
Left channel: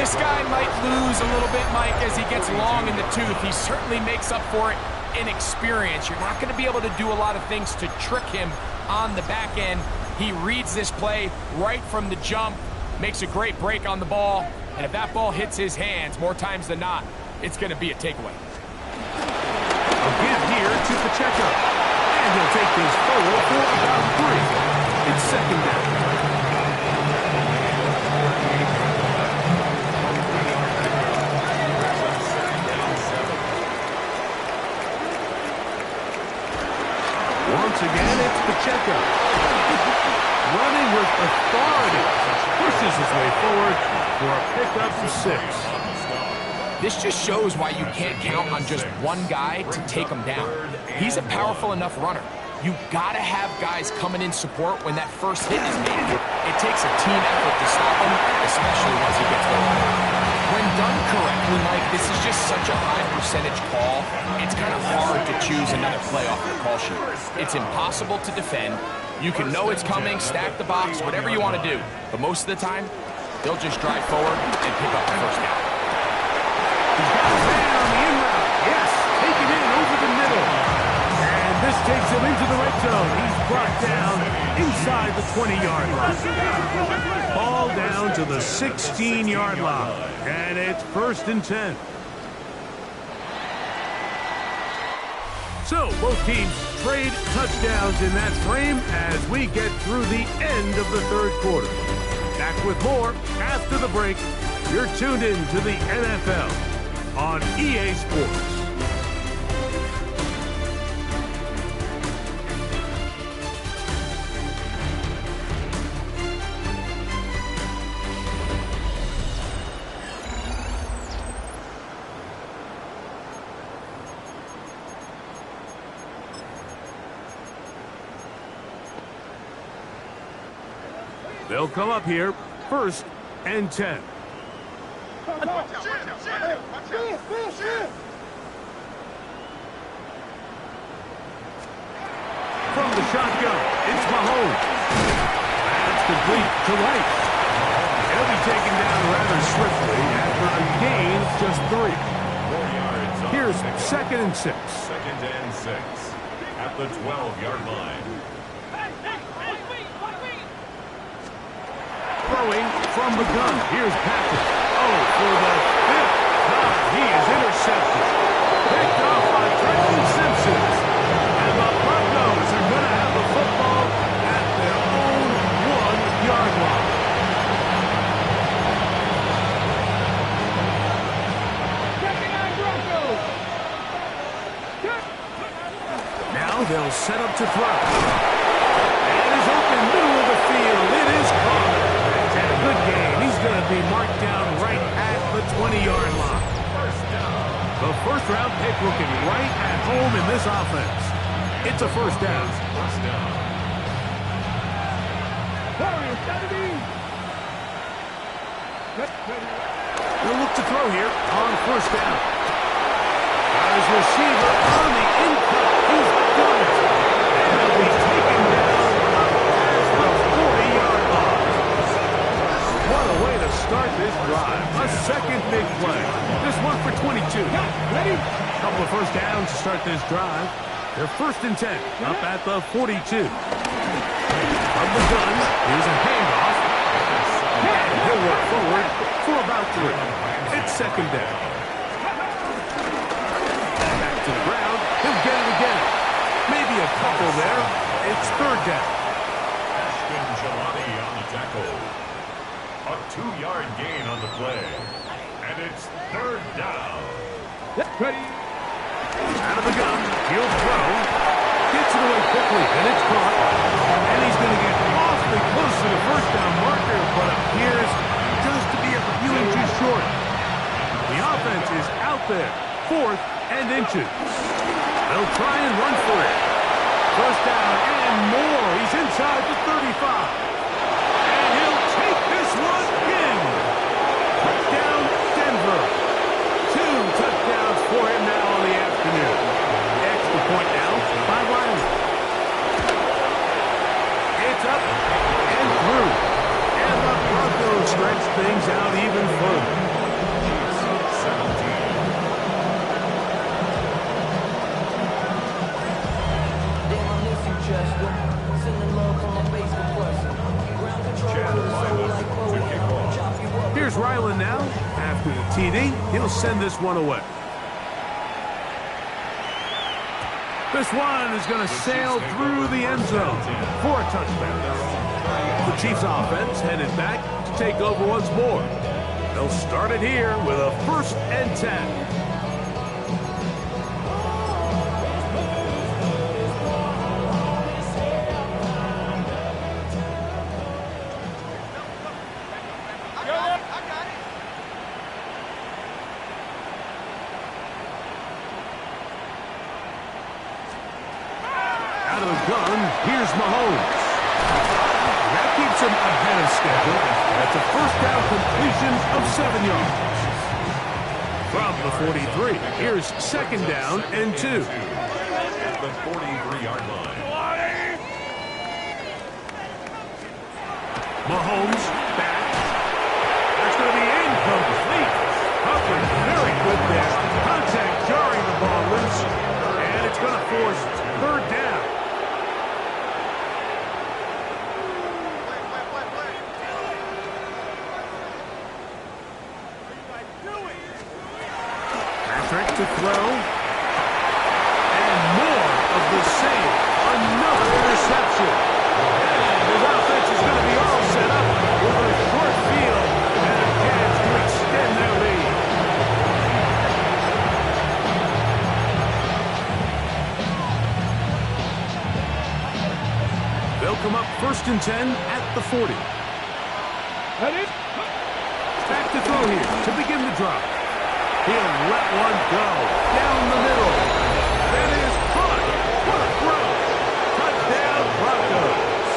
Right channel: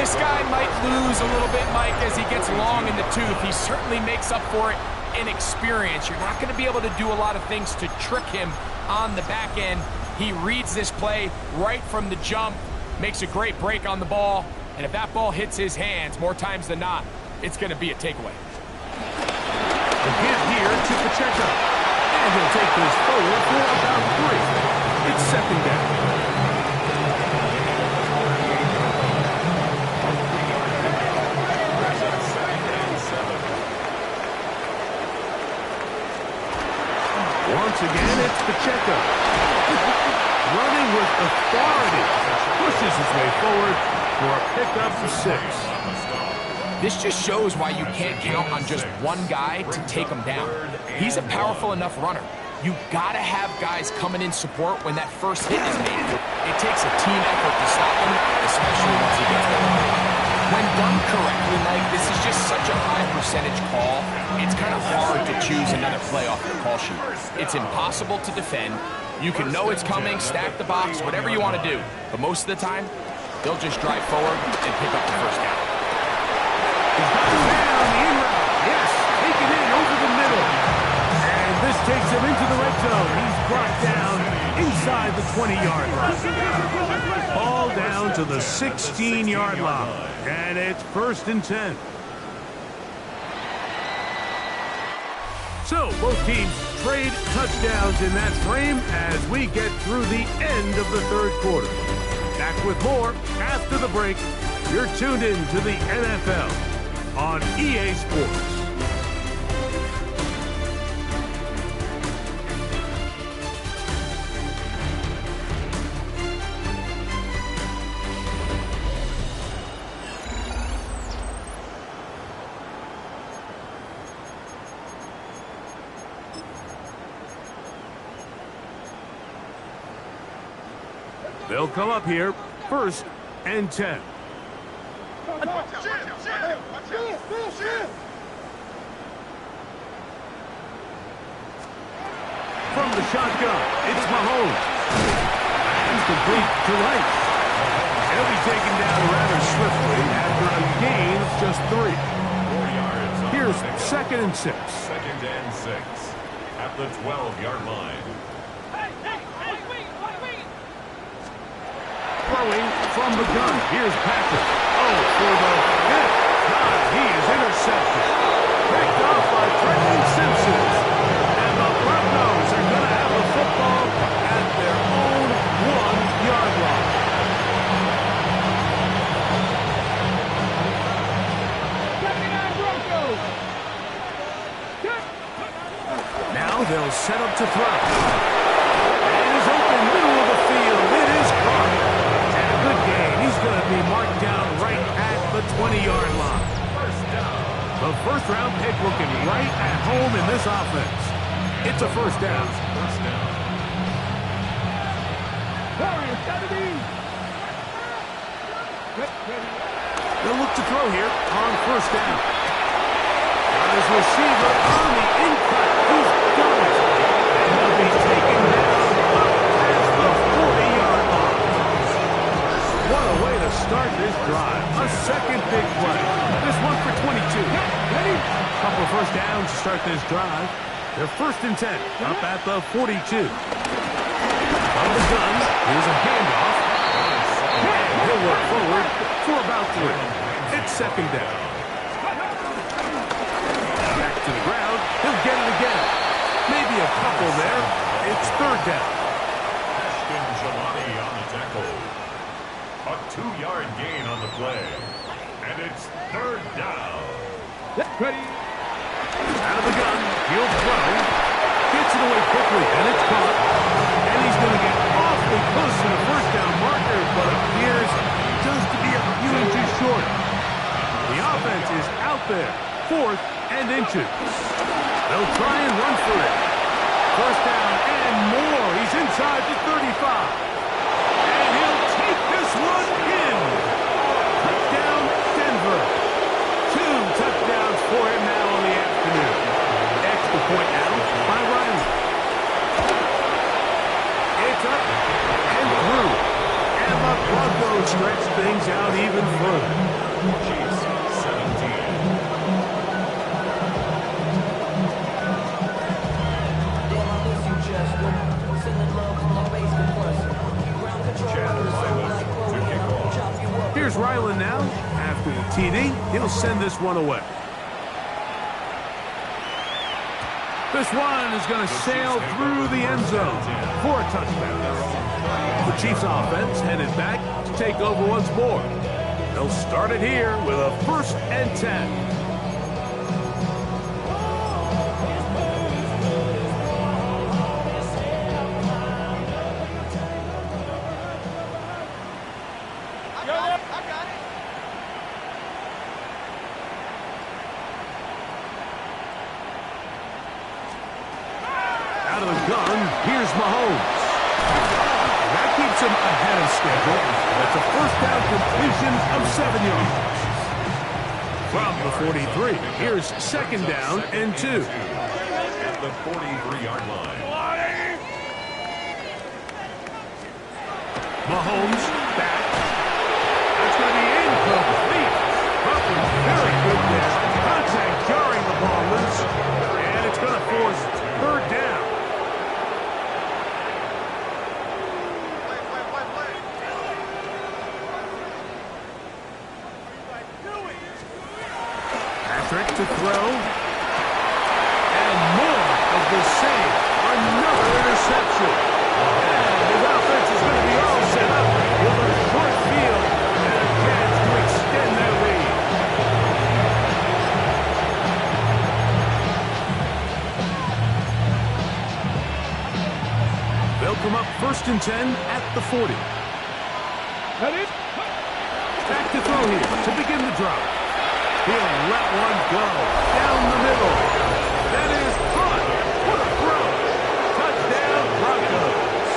This guy might lose a little bit, Mike, as he gets long in the tooth. He certainly makes up for it in experience. You're not going to be able to do a lot of things to trick him on the back end. He reads this play right from the jump, makes a great break on the ball, and if that ball hits his hands more times than not, it's going to be a takeaway. A give here to Pacheco. And he'll take this forward for about 3. It's second down. Once again, it's Pacheco. Running with authority. Pushes his way forward for a pickup of 6. This just shows why you can't count on just one guy to take him down. He's a powerful enough runner. You gotta have guys coming in support when that first hit is made. It takes a team effort to stop him, especially once he gets going. When done correctly, Mike, this is just such a high percentage call. It's kind of hard to choose another play off your call sheet. It's impossible to defend. You can know it's coming, stack the box, whatever you want to do. But most of the time, they'll just drive forward and pick up the first down. He's got a man on the in route. Yes, taken in over the middle. And this takes him into the red zone. He's brought down inside the 20-yard line. Ball down to the 16-yard line. And it's 1st and 10. So both teams trade touchdowns in that frame as we get through the end of the third quarter. Back with more after the break. You're tuned in to the NFL on EA Sports. They'll come up here, 1st and 10. From the shotgun, it's Mahomes. That's complete to Rice. He'll be taken down rather swiftly after a gain of just 3. 4 yards on Here's the pickup. 2nd and 6. 2nd and 6 at the 12-yard line. Throwing from the gun. Here's Patrick. Oh, for the 5th time. He is intercepted. Picked off by Trenton Simpson. And the Broncos are going to have the football at their own 1-yard line. Now they'll set up to throw. And is open middle of the field. It is caught. And a good gain. He's going to be marked down right at the 20-yard line. The first-round pick looking right at home in this offense. It's a 1st down. They'll look to throw here on 1st down. Got his receiver on the in-cut. He's done it. And he'll be taken down up past the 40-yard line. What a way to start this drive. A second big play. This one for 22. Ready? Couple of 1st downs to start this drive. They're 1st and 10, up at the 42. From the gun, here's a handoff. And he'll work forward for about 3. It's 2nd down. Back to the ground. He'll get it again. Maybe a couple there. It's 3rd down. Ashton Jelani on the tackle. A 2-yard gain on the play. And it's 3rd down. Ready? Out of the gun. He'll throw. Gets it away quickly, and it's caught. And he's going to get awfully close to the 1st down marker, but appears just to be a few inches short. The offense is out there. 4th and inches. They'll try and run for it. 1st down and more. He's inside the 35. And he'll take this one in. Touchdown, Denver. 2 touchdowns for him now on the afternoon. Extra point now by Riley. It's up and through. And the Broncos stretch things out even further. Chiefs 17. Damn, I miss you, Chester. Sending love from my bass compressor. Ground control Chad with a soul Ryland like to Chloe, kick and I'll off. chop you up. Here's Ryland now. After the TD, he'll send this one away. This one is going to sail through the end zone for a touchdown. The Chiefs offense headed back to take over once more. They'll start it here with a 1st and 10. Out of the gun, here's Mahomes. That keeps him ahead of schedule. That's a 1st down completion of 7 yards. From the 43, here's 2nd down and 2. At the 43-yard line. Mahomes back. That's going to be incomplete. Humphrey very good there. Contact jarring the ball loose. And it's going to force 3rd down. Patrick to throw. And more of the same. Another interception. And his offense is going to be all set up with a short field and a chance to extend their lead. They'll come up 1st and 10 at the 40. Back to throw here to begin the drive. He'll let one go down the middle. That is caught. What a throw. Touchdown, Broncos.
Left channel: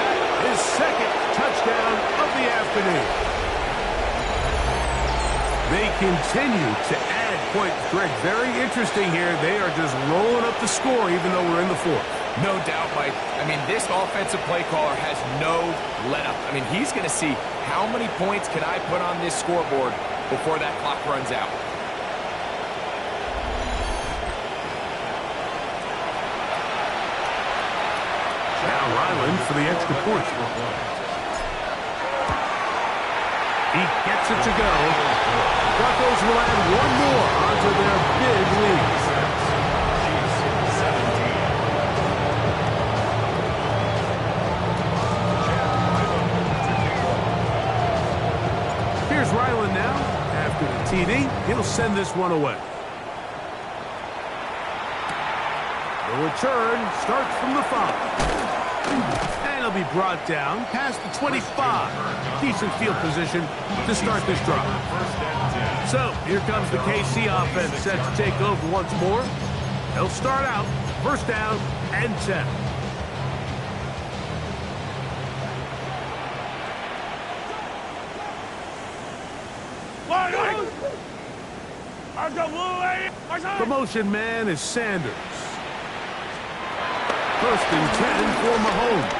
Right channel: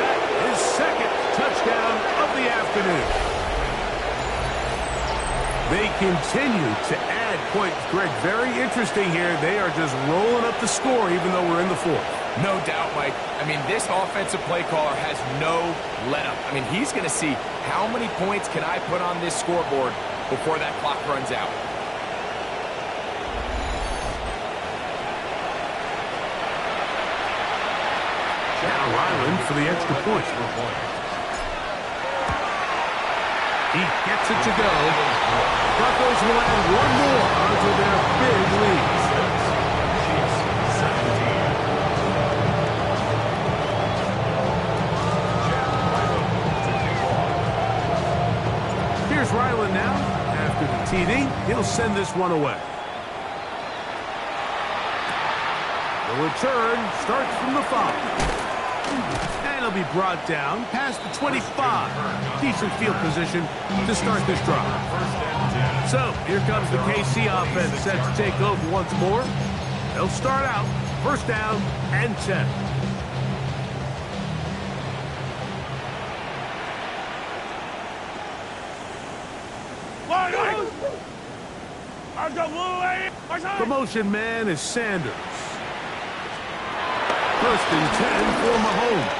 That is 2nd touchdown of the afternoon. They continue to add points. Greg, very interesting here. They are just rolling up the score even though we're in the 4th. No doubt, Mike. I mean, this offensive play caller has no let-up. I mean, he's going to see how many points can I put on this scoreboard before that clock runs out. Now Ryland for the extra point. He gets it to go. Broncos will add one more onto their big lead. Chiefs 17. Chad Ryland to kick off. Here's Ryland now. After the TD, he'll send this one away. The return starts from the 5. And he'll be brought down past the 25. Decent field position to start this drive. So here comes the KC offense set to take over once more. They'll start out 1st down and 10. The motion man is Sanders. 1st and 10 for Mahomes.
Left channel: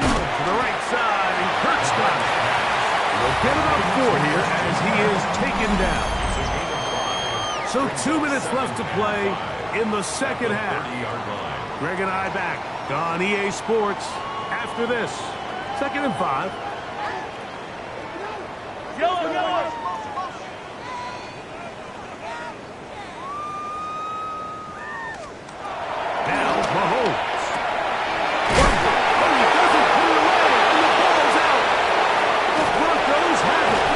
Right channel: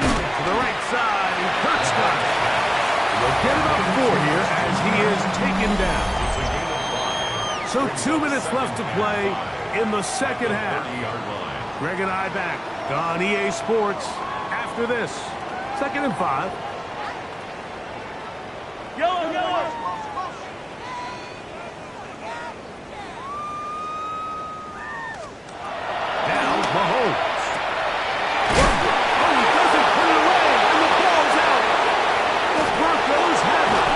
To the right side, and Kurt's got it. They'll get about 4 here as he is taken down. It's a gain of 5. So 2 minutes left to play in the 2nd half. 30-yard line. Greg and I back on EA Sports after this. 2nd and 5. Yellow, yellow. Now Mahomes. Oh, he doesn't put it away, and the ball's out. The Broncos have it.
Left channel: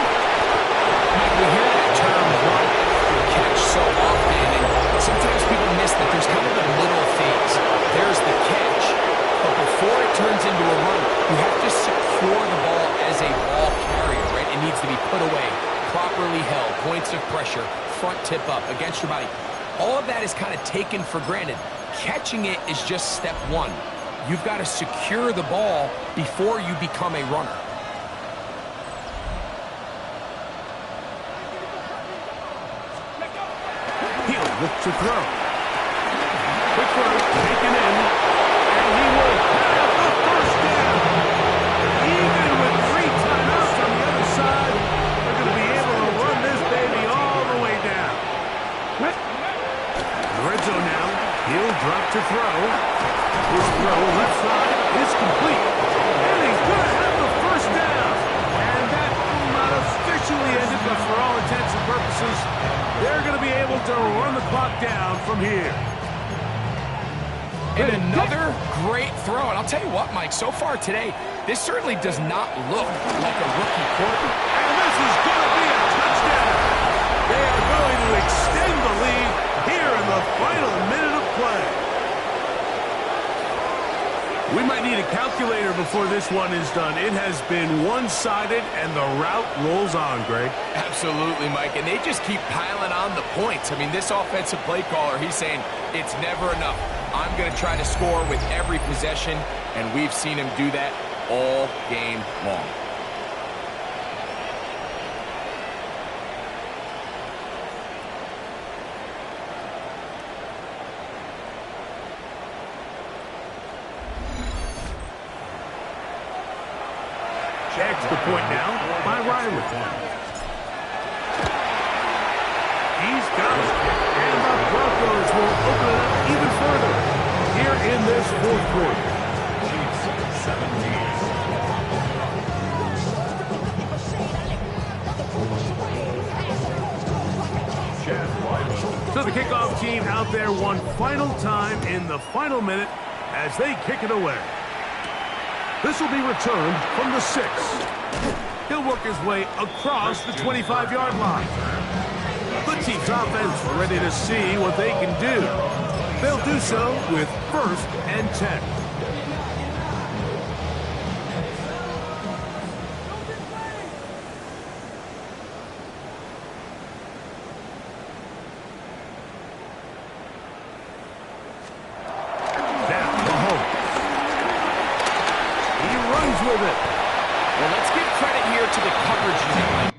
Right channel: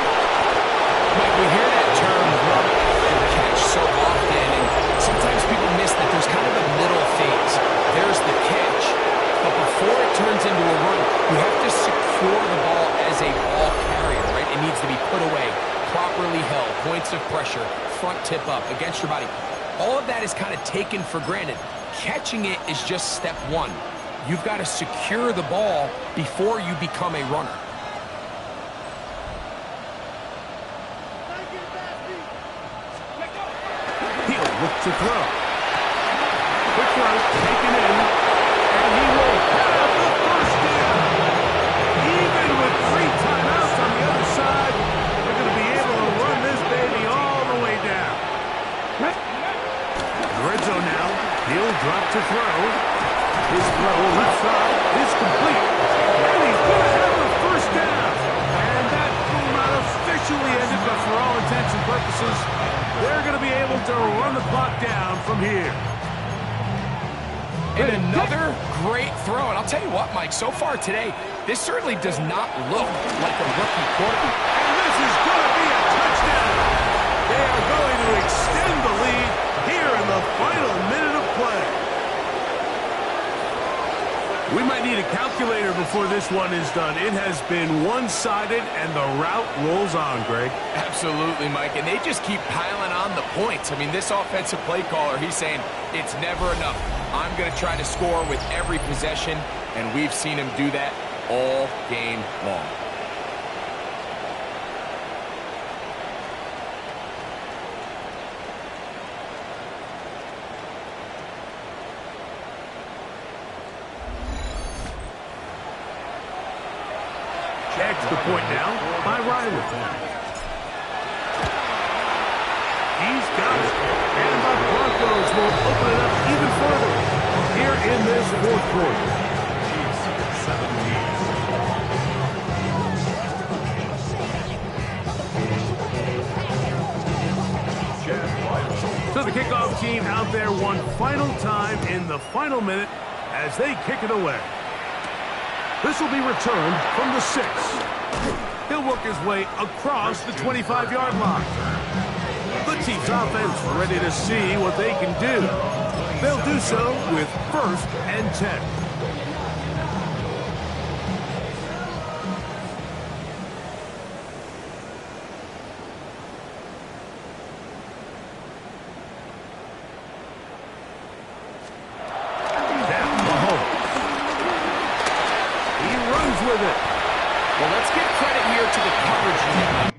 Mike, we hear that term run after catch so often, and sometimes people miss that there's kind of a middle phase. There's the catch, but before it turns into a run, you have to secure the ball as a ball carrier, right? It needs to be put away, properly held, points of pressure, front tip up against your body. All of that is kind of taken for granted. Catching it is just step 1. You've got to secure the ball before you become a runner. He'll look to throw. Quick throw, taken in, and he will have the 1st down. Even with 3 timeouts on the other side, they're going to be able to run this In the red zone now. He'll drop to throw. His throw left side is complete. And he's going to have the first down. And that will not officially end it, but for all intents and purposes, they're going to be able to run the clock down from here. And another great throw. And I'll tell you what, Mike, so far today, this certainly does not look like a rookie quarterback. And this is going to be a touchdown. They are going to extend the lead here in the final minute of play. We might need a calculator before this one is done. It has been one-sided, and the route rolls on, Greg. Absolutely, Mike, and they just keep piling on the points. I mean, this offensive play caller, he's saying it's never enough. I'm going to try to score with every possession, and we've seen him do that all game long. Extra point now by Riley. He's got it. And the Broncos will open it up even further here in this fourth quarter. Chiefs 17. So the kickoff team out there one final time in the final minute as they kick it away. This will be returned from the 6. He'll work his way across the 25-yard line. The team's offense ready to see what they can do. They'll do so with 1st and 10. With it. Well, let's give credit here to the coverage unit, Mike.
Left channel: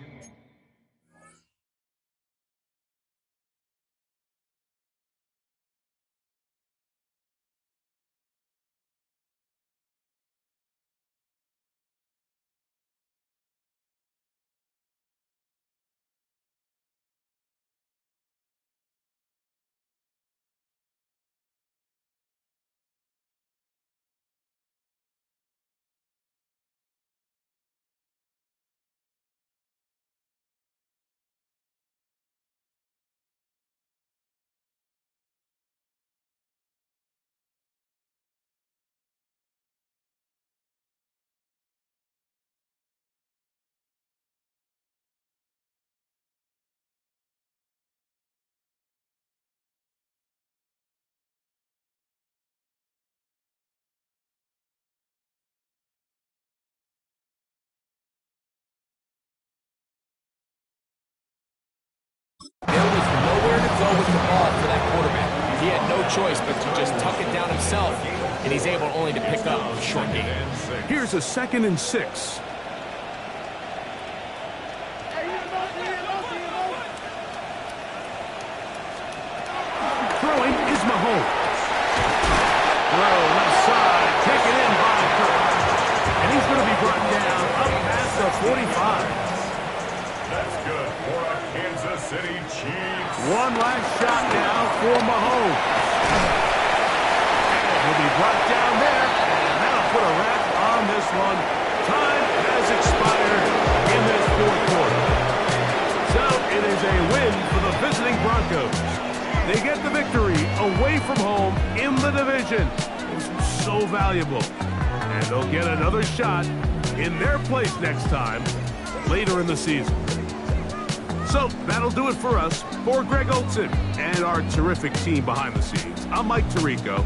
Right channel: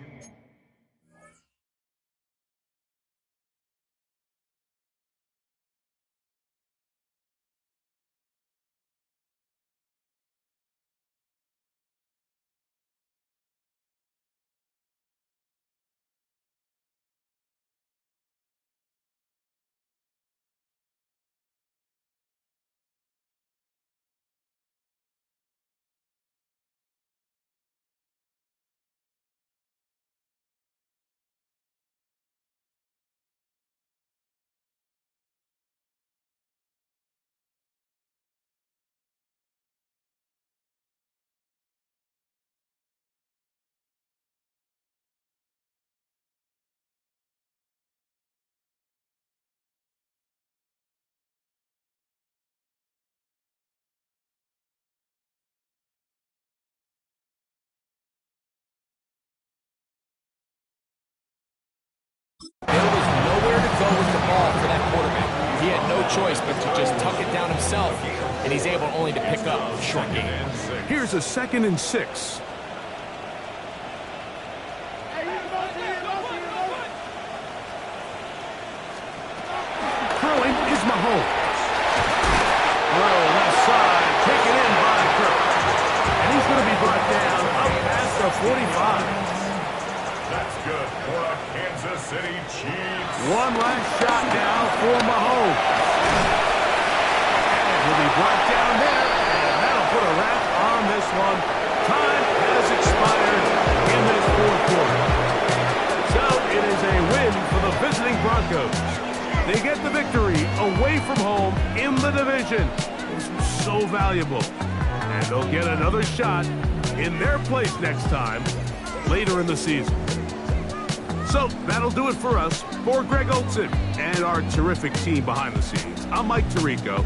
There was nowhere to go with the ball for that quarterback. He had no choice but to just tuck it down himself, and he's able only to pick up a short gain. Here's a 2nd and 6. Throwing is Mahomes. Throw left side, taken in by Kirk. And he's going to be brought down up past the 45. That's good for a Kansas City Chiefs. One last shot now for Mahomes. And he'll be brought down there, and that'll put a wrap on this one. Time has expired in this fourth quarter. So it is a win for the visiting Broncos. They get the victory away from home in the division. This was so valuable. And they'll get another shot in their place next time later in the season. So that'll do it for us. For Greg Olson and our terrific team behind the scenes, I'm Mike Tirico.